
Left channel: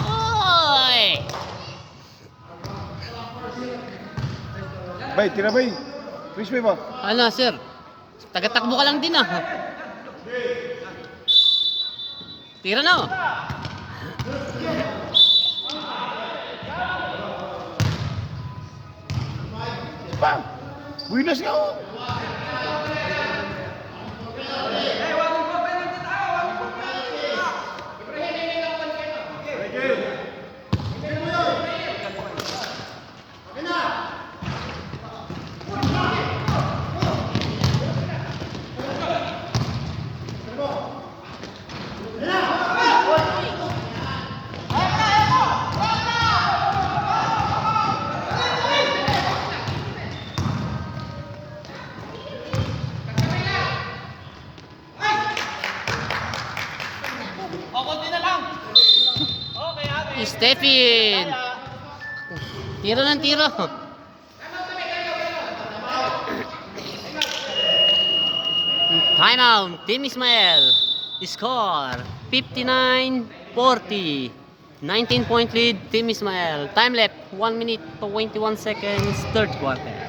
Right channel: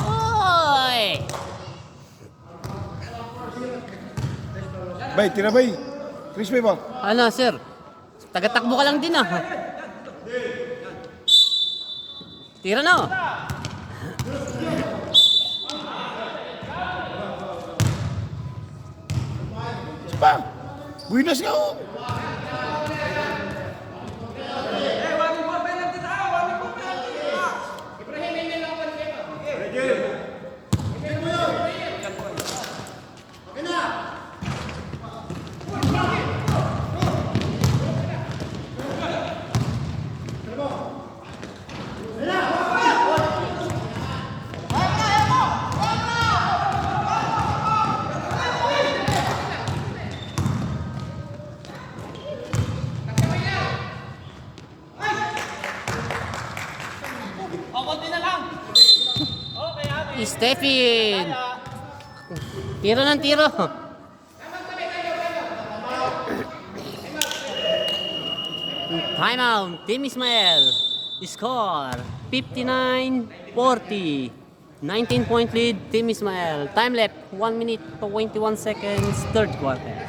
Oy! Bay, tira bay. Crispy ba? Ano, sir? Taga-takbo ka lang din ah. Tira na. Oh. Pa! Buinas ka oh! Stephen! Tiro ng tiro. Time out. Team Ismael. Score 59-40. 19-point lead, Team Ismael. Time left 1 minute 21 seconds, third quarter.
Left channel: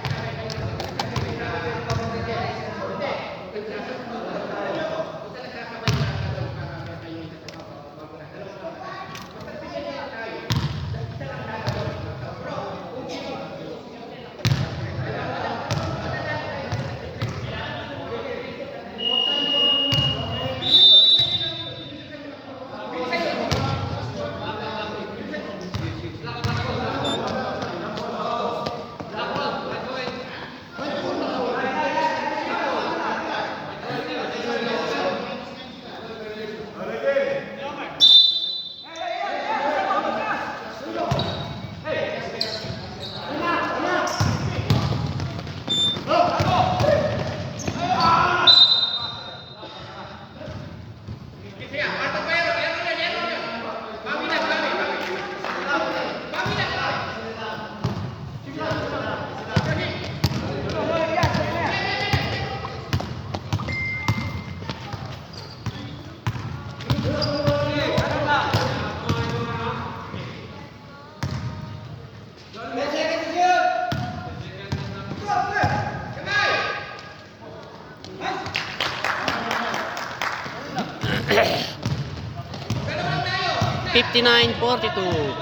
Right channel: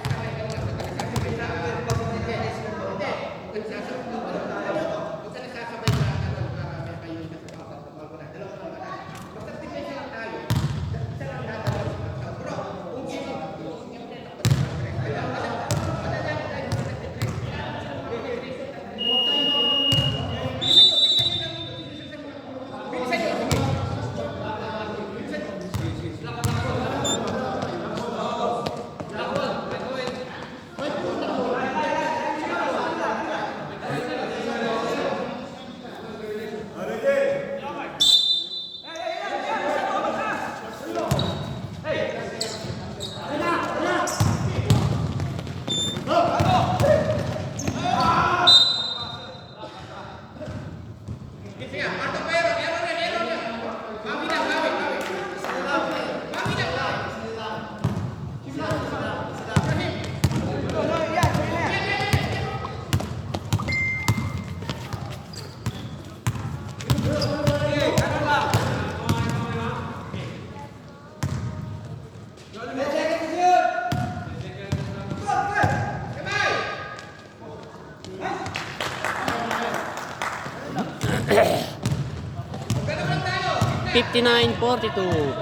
59-42.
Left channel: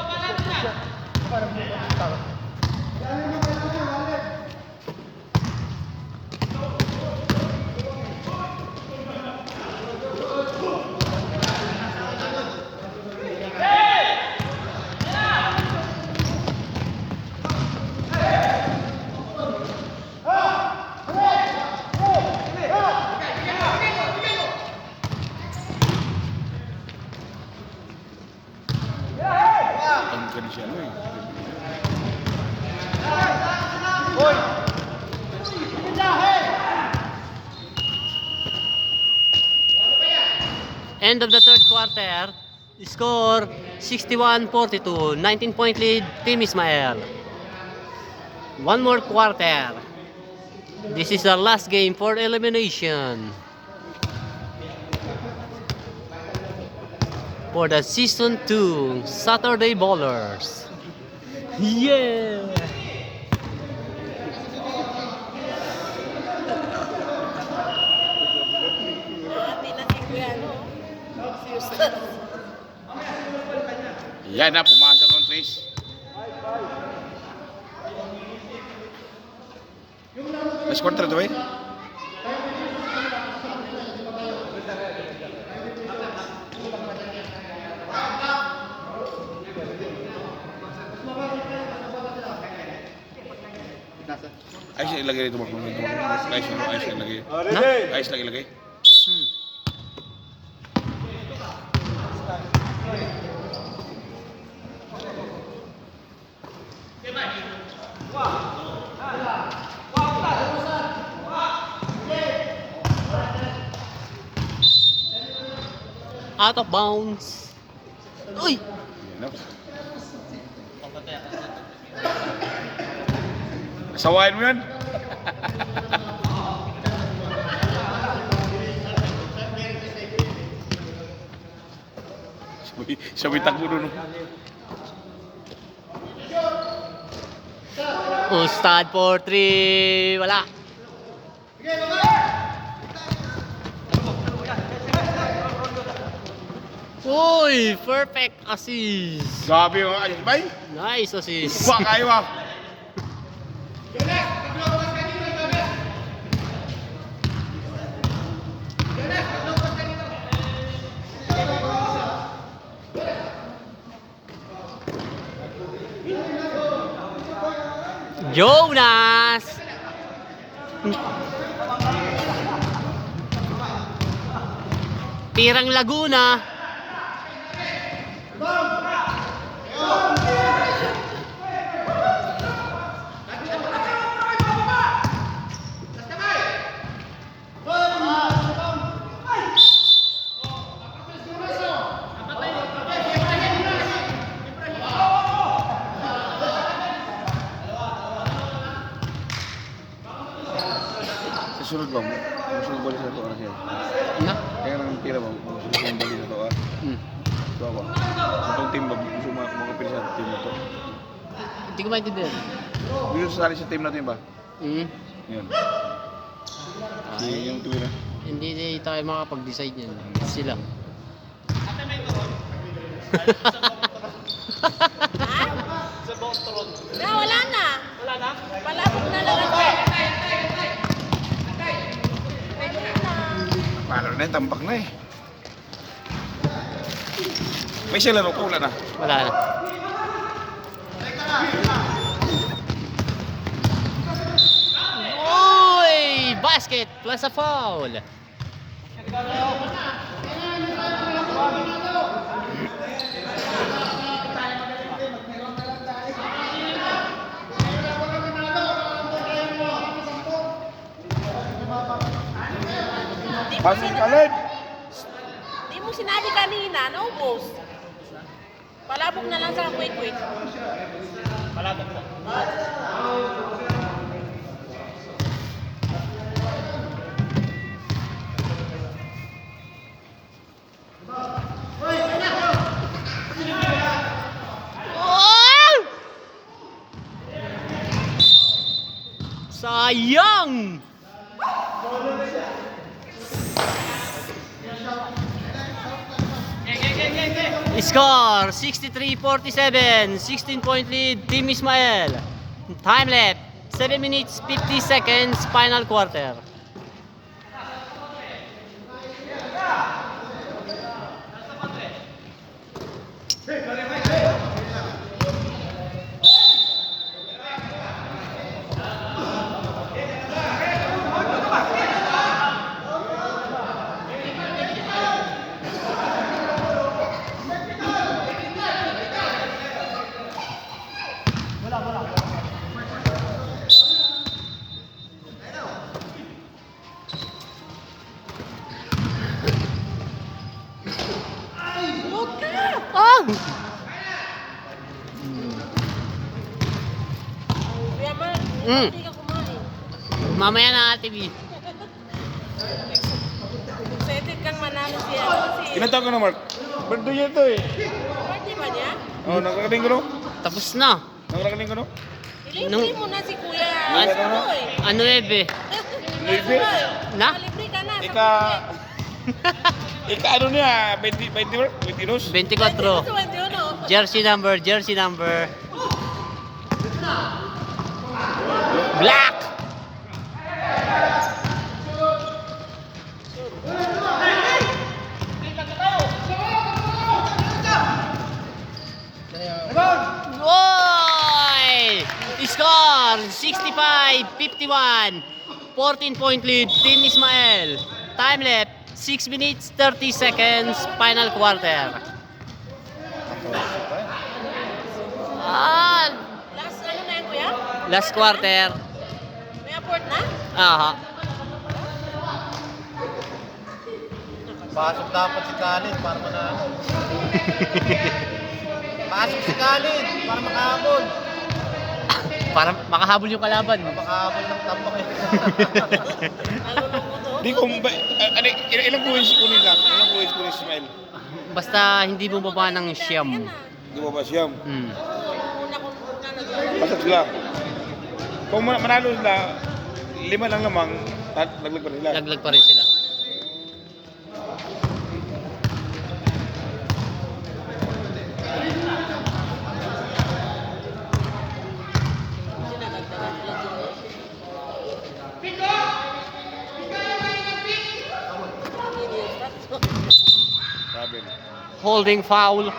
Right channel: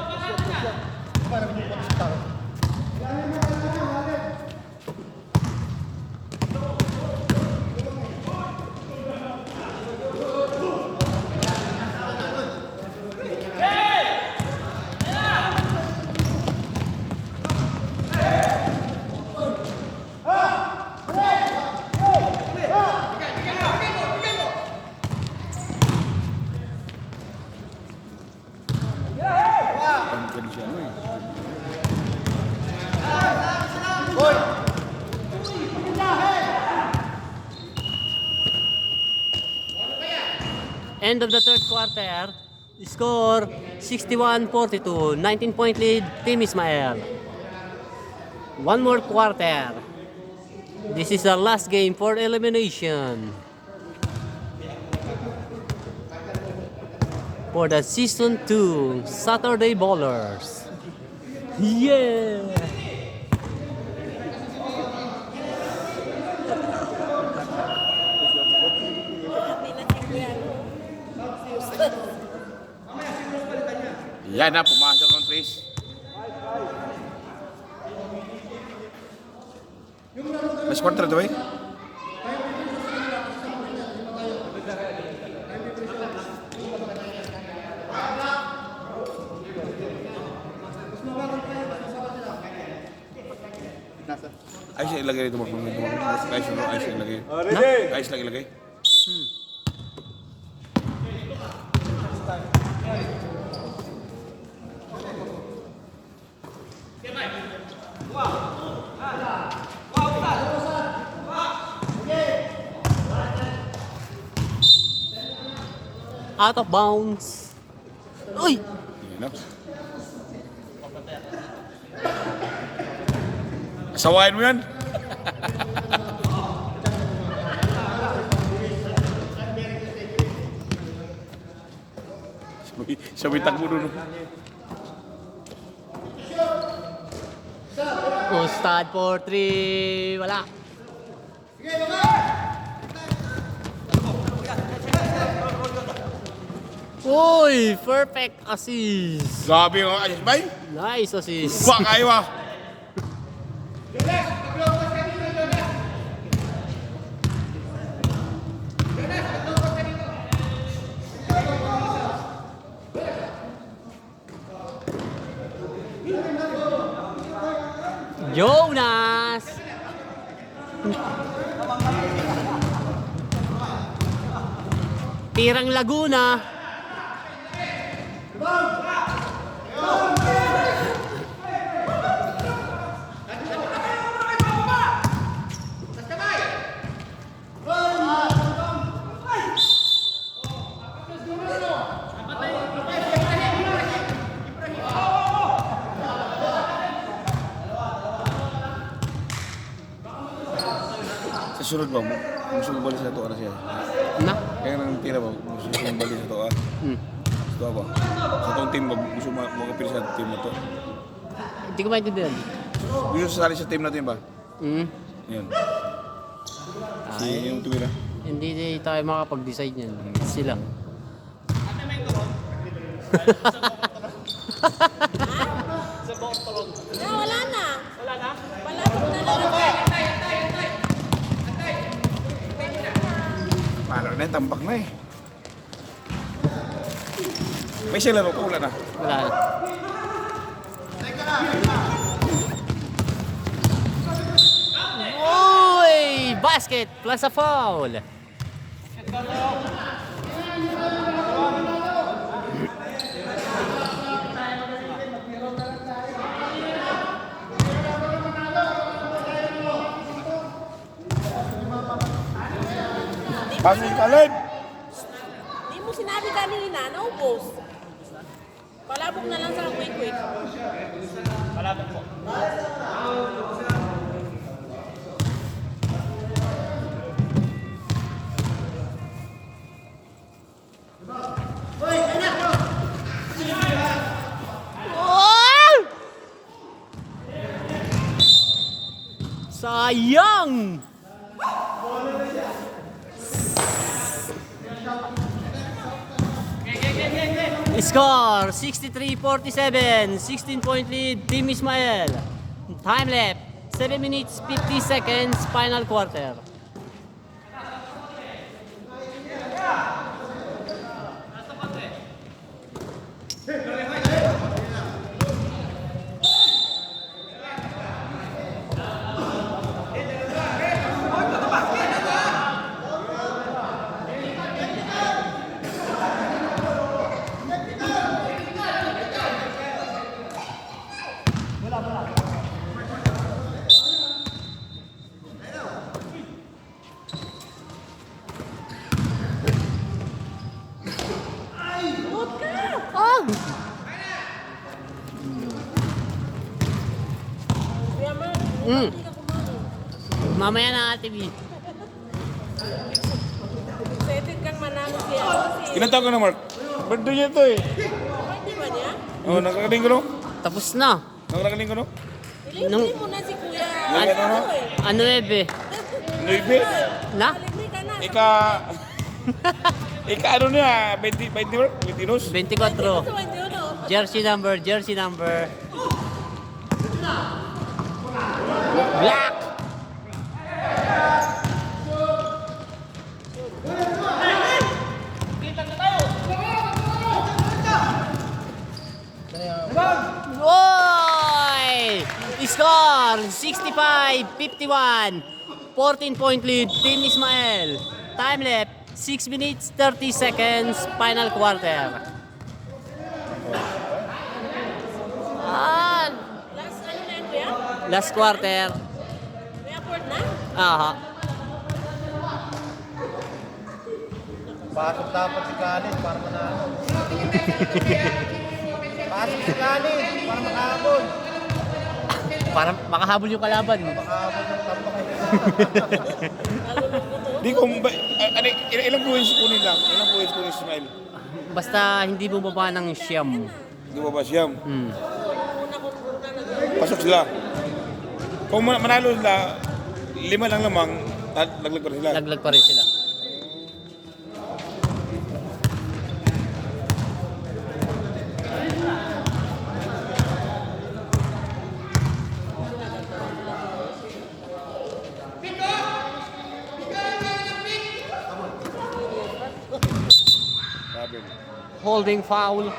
Ang kani siya, ano eh. End of the third quarter. Score 61-42. 19-point lead, Team Ismael. One more quarter. This is the last game for elimination. For the Season 2 Saturday Ballers. Yeah! Happy na si Kuya, no? Houston. Yan na, pumasok ng Tris. Last quarter ito eh. Ayos na ilagay ito. Ayos na ilagay. Na? Ayos lang ilagay. Out of bounds. Uy! Yan na. Asawain mo yan. Sabay takbo doon. Ustad for 3. Wala. Uy! Perfect assist. Grabe yung ayos bay. Nice assist. Kuha kayo ah. Jonas! Tirang Laguna. Sa sunod ba? Musulong balik sa ito. Ano siya? Na? Kaya nang tira ba? Musulong balik sa ito ah. Ito ba? Sa itong team ba? Gusto makapili sa team na ito. Hindi ko maintindihan. Gusto sasali sa team natin ba? Yan. Si yung tumira. Hindi tayo makapag-decide yan. Sila. Na, wala na. Palabog na lang ako. Paano na yun? Tambak na eh. May siya laro ko, wala na. Wala na. Uy! Basket plus a foul. Pasok ka Lord! Hindi mo sinabi kanina, no boss? Palabog na lang sa quick. Sayang! Score 63-47, 16-point lead, Team Ismael. Time left 7 minutes 50 seconds, final quarter. Mm. Mamaya na Ate B. Excited kang manalo siya. Ilan taon ka na, Mark? Birthday niya ito eh. Pwede ba niya? Oh, nakakaling ko no? Tapos na. Nakakaling ko no? Libre mo na si Kuya. Ano? Ano Ebe? Libre? Na? Libre ka na. Ika... Ika ano niya? 22? 24. Jersey number. Black! Oy! Score 65-51. 14-point lead, Team Ismael. Time left 6 minutes 30 seconds, final quarter. Ah, Last ano na yun, Kuya? last quarter. May apport na? Aha. Pasok dapat si Kalin para manalo. Pasok si Kalin para makahabol. Para makahabol yung kalaban. Makahabol ng tambak eh. Di ko... Ilang points kunin lang? Ilang points kunin si Smile? Basta hindi bumaba ng siyam. Di ba ba siyam? Hmm. Pasok sila. Kung manalo sila, 5 lang lamang, laglag pa rin sila. Laglag pa rin sila. Sabi. Holding foul.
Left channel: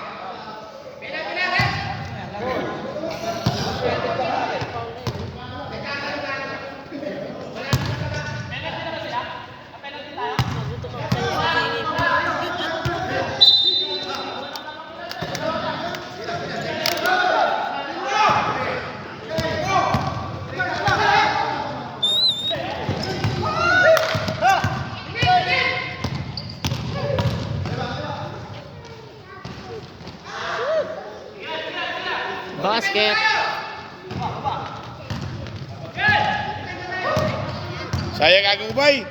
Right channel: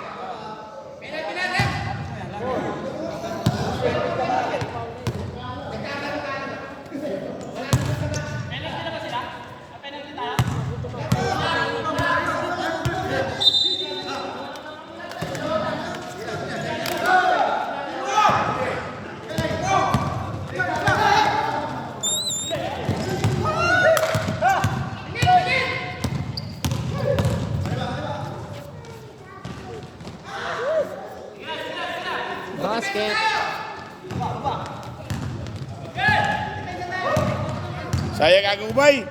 Basket. Sayang aking ubay.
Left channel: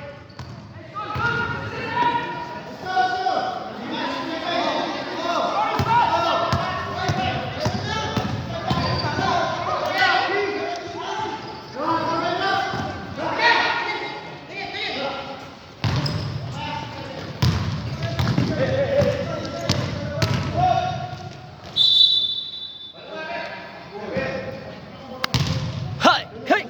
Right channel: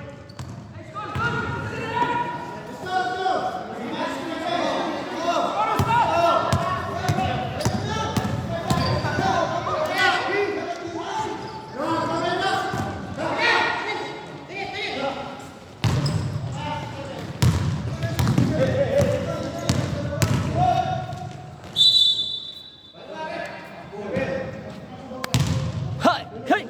Hey, hey.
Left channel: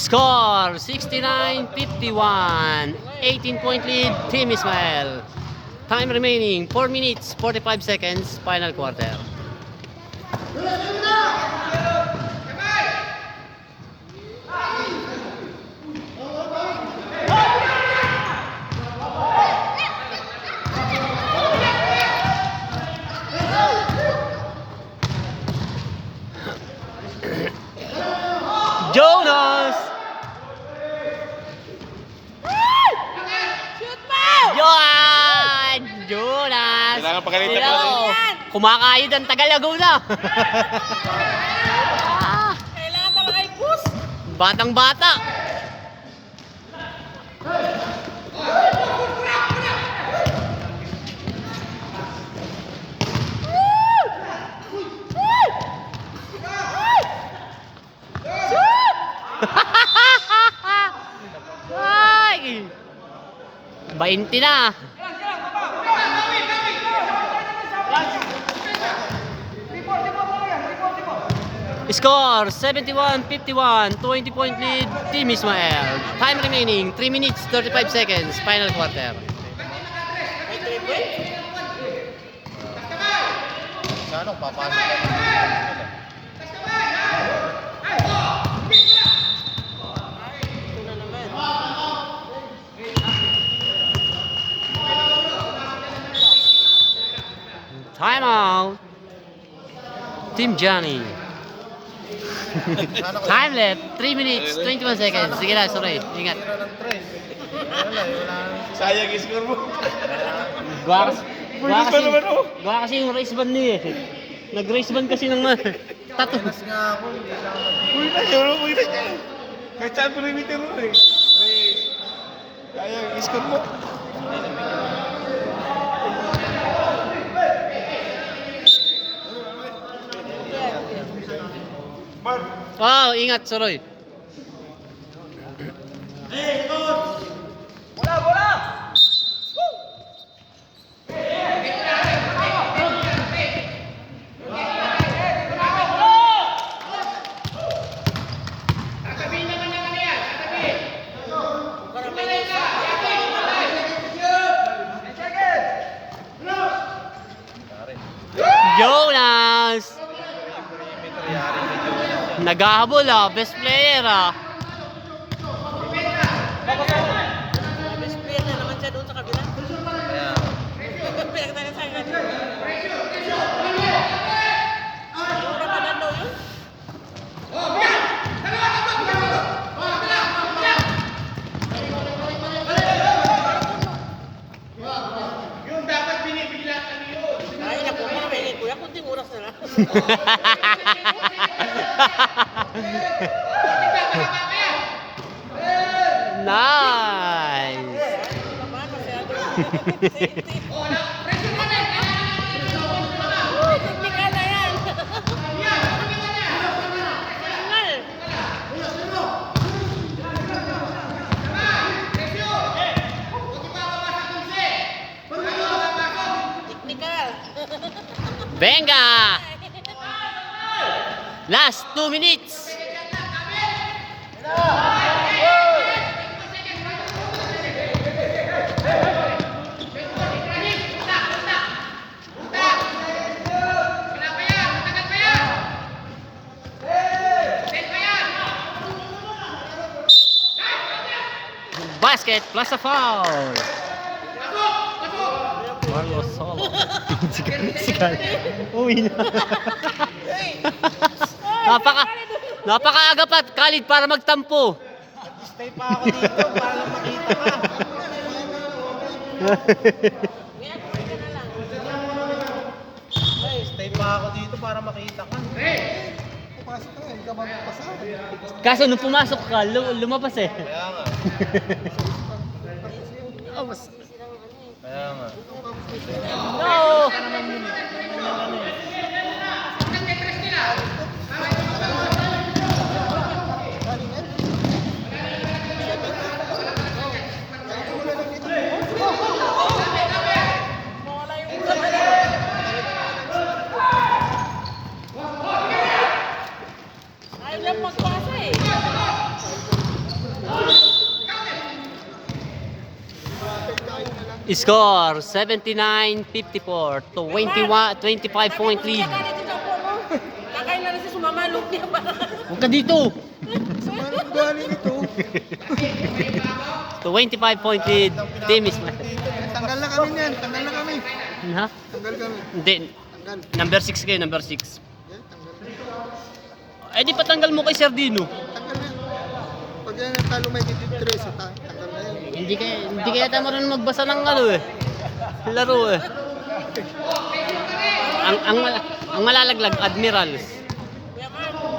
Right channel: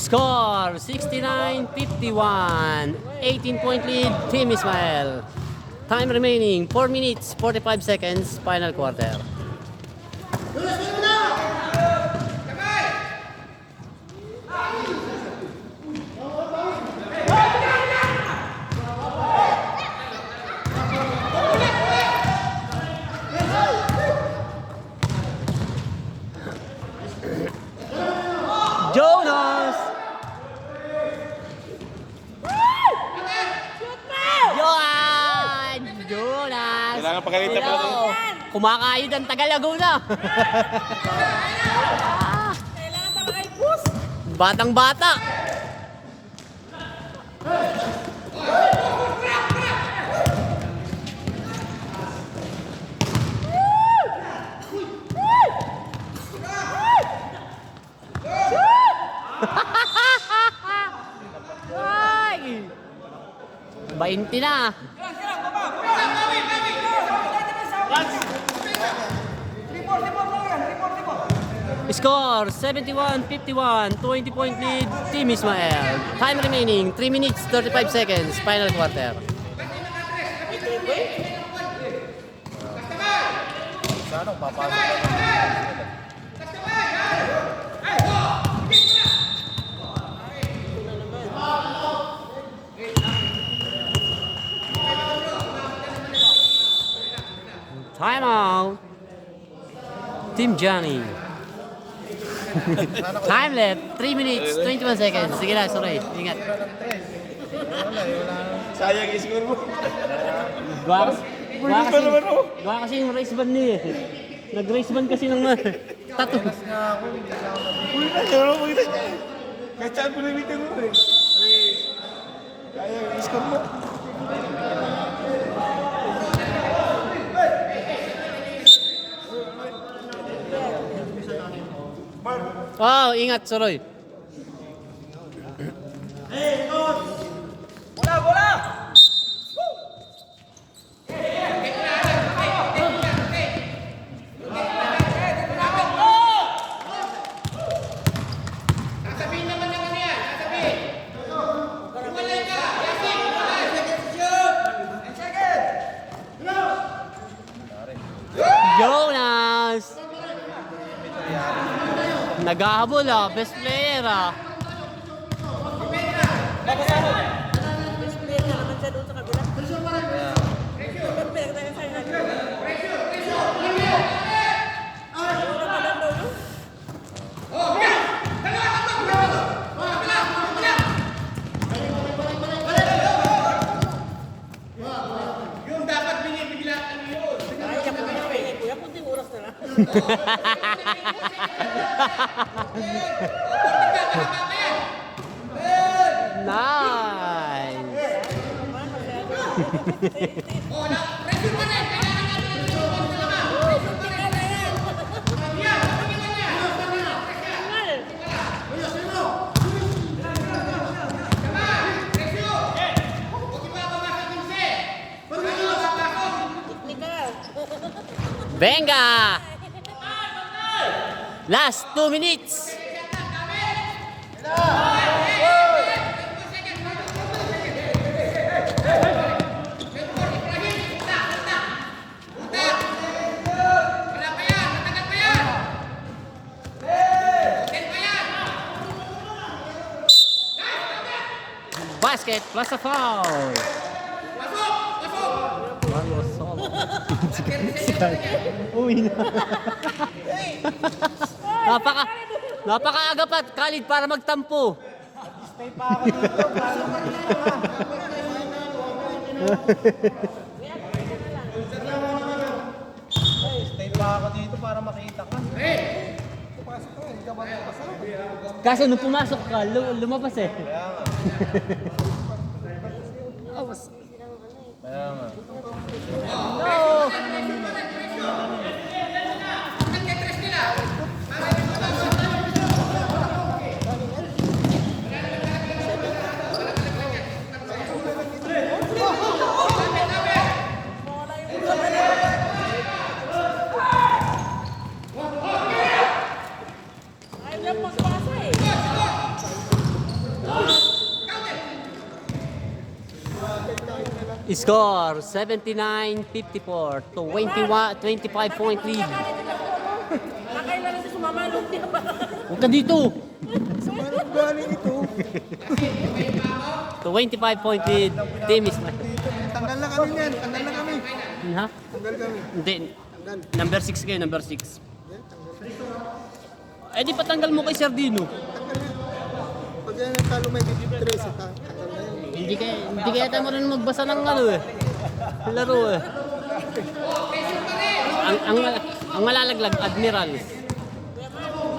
Score 69-51. 18-point lead, Team Ismael. Time remaining 4 minutes 45 seconds, final quarter. Jonas! Kumakayod ang Tagalaguna. Kailangan talaga ay push. Batang bata. Ay! 20 na. Score 71-51, 20-point lead, Team Ismael. Time remaining 3 minutes 35 seconds, final quarter. Sana papasok lang yung defense nila. Ito na naman. Time out. Team Johnny. Time left 3 minutes 21 seconds. Sige na, sorry. Ingat. Tira ng tres. Wala eh, wala. Sayang i-score mo. Gawa Pwede pa naman, oh. kasi yung race band niya eh. Nag-race band kasi ng tattoo. Minus nga ako, hindi lang ako nabigyan. Uy na, yun, uy na siya. Kahit saan pinimita mo eh. Sayang i-score mo. Oh, ingat, sorry. Bola, bola! Jonas! Naghahabol ah, best player ah. Best player na naman siya doon sa kabila. Pinagtagan sa kanila. Siguro pa lang daw yun. Ay, siya po kayo may kuya, kunting oras na lang. Nice! Technical. Venga! Last 2 minutes! Basket plus a foul. Mario Solo. Uwi na. Napakaaga pa, Khalid, para magtampo. Stay pa ako dito para makita ka. Stay pa ako dito para makita ka. Kaso nung pumasok ka, lumabas eh. Kaya nga. Ayaw lang magpasa eh. Score 79-54 to 25-point lead. Nakailan siya sumama lumpia pa. Huwag ka dito! Sumanong galing ito. To 25-point lead, Team Ismael. Tanggal na kami niyan. Tanggal na kami. Ha? Tanggal kami. Hindi. Tanggal. Number 6 kayo, number 6. Yan, tanggal na. Eh di patanggal mo kay Sardino. Tanggal na. Pag yan natalo may dititres, tanggal na yan. Hindi kaya tayo marunong magbasa ng ano eh. Laro eh. ang malalaglag, Admiral.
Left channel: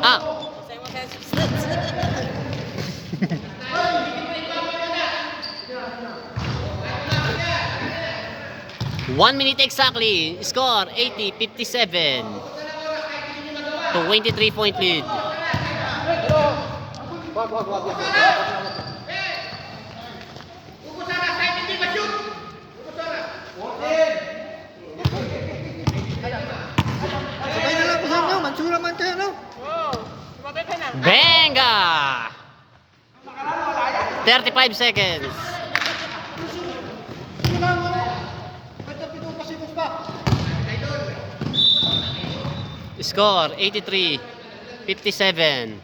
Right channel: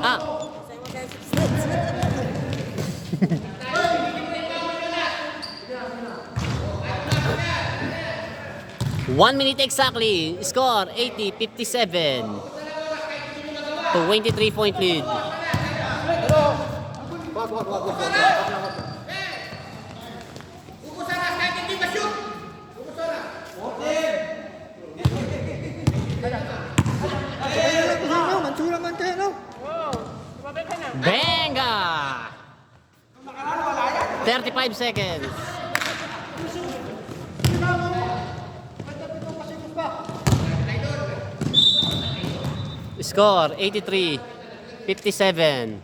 Ah, Kasi mo tayo substance. 1 minute exactly. Score 80-57. 23-point lead. Sabay na lang kung saan, no? Mansura man tayo, no? Benga! 35 seconds. Score 83-57.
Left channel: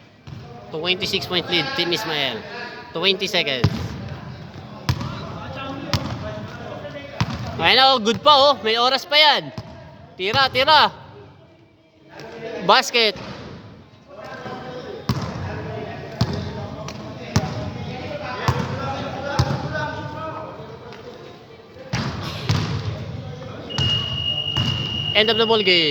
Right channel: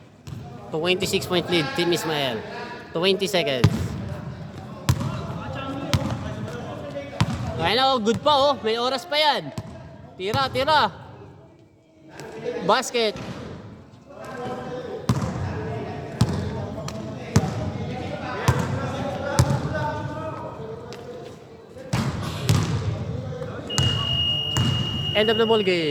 26-point lead, Team Ismael. 20 seconds. Ayun oh, good pa oh. May oras pa yan. Tira, tira. Basket. End of the ball game.